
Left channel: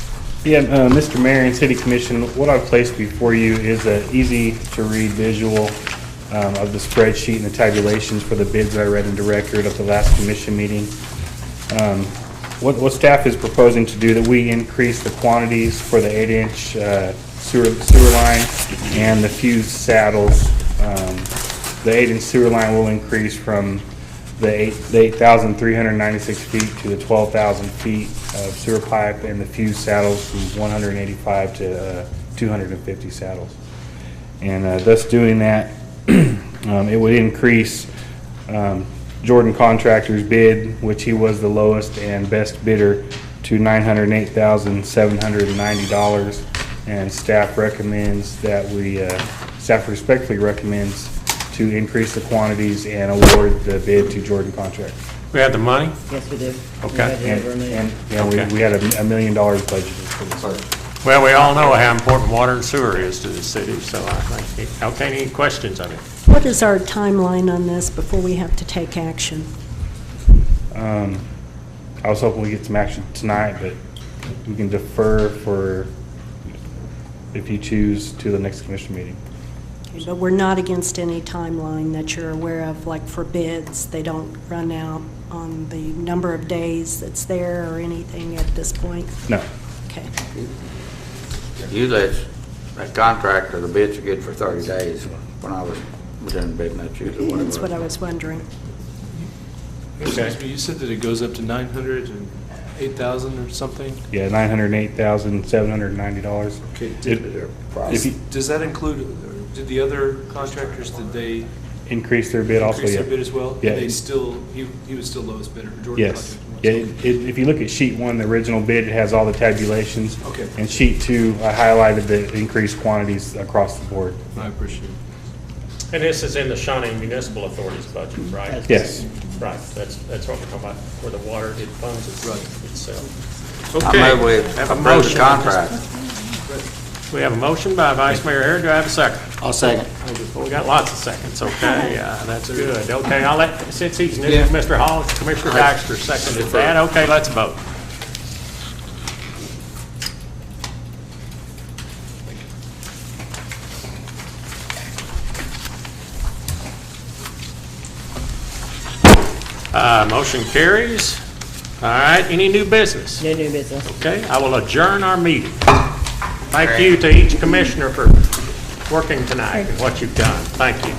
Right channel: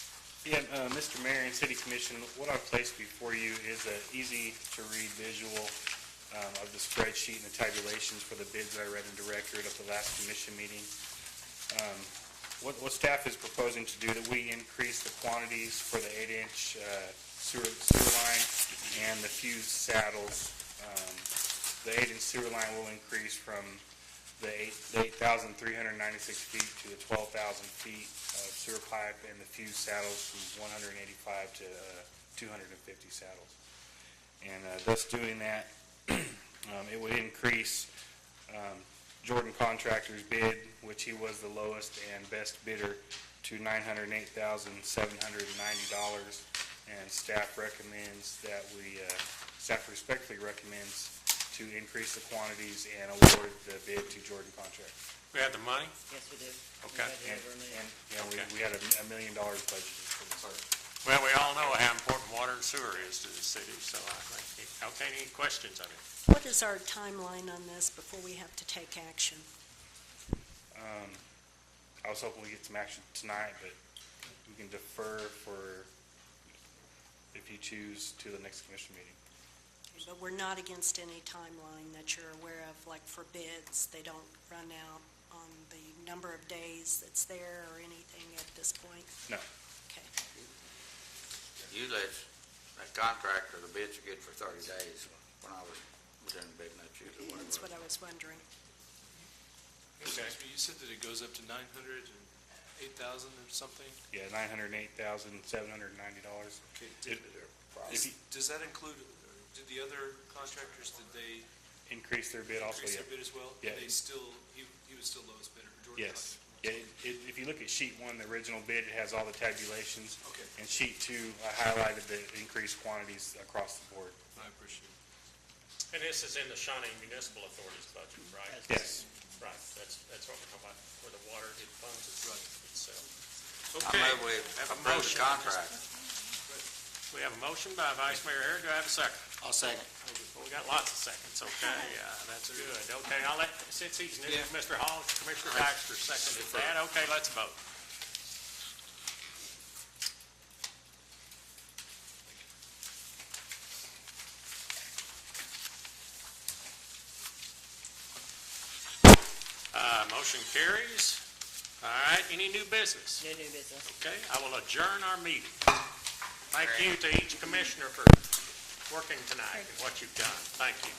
Yeah, Mr. Mayor and City Commission, what I've placed before you is an easy-to-read visual of the spreadsheet and the tabulations for the bids that I read into record of the last commission meeting. What staff is proposing to do, that we increase the quantities for the 8-inch sewer line and the fused saddles. The 8-inch sewer line will increase from the 8,396 feet to the 12,000 feet of sewer pipe, and the fused saddles from 185 to 250 saddles. And thus doing that, it would increase Jordan Contractor's bid, which he was the lowest and best bidder, to $908,790. And staff recommends that staff respectfully recommends to increase the quantities and award the bid to Jordan Contractor. We have the money? Yes, we do. Okay. We had $1 million budgeted for this. Well, we all know how important water and sewer is to the city, so I think, okay, any questions of it? What is our timeline on this before we have to take action? I was hoping we get some action tonight, but we can defer for, if you choose, to the next commission meeting. Okay, but we're not against any timeline that you're aware of, like for bids, they don't run out on the number of days that's there or anything at this point? No. Okay. Usually, that contractor, the bids are good for 30 days. When I was doing bidding, that's usually what it was. That's what I was wondering. Excuse me, you said that it goes up to 908,000 or something? Yeah, $908,790. Okay. Does that include, did the other contractors, did they increase their bid also? increase Yeah. their bid as well? Yeah. And they still, he was still lowest bidder, Jordan Yes. Contractor. Yeah, if you look at sheet 1, the original bid, it has all the tabulations. Okay. And sheet 2, I highlighted the increased quantities across the board. I appreciate it. And this is in the Shawnee Municipal Authority's budget, right? Yes. Right, that's what we're talking about, where the water, it funds itself. I Okay, move we have a approve motion. the contract. We have a motion by Vice Mayor Harry, do I have a second? I'll second. Well, we got lots of seconds, okay, that's good. Okay, I'll let, since he's new, Mr. Hall, Commissioner Baxter seconded that, okay, let's vote. Motion carries. All right, any new business? No new business. Okay, I will adjourn our meeting. Thank you to each commissioner for working tonight and what you've done. Thank you.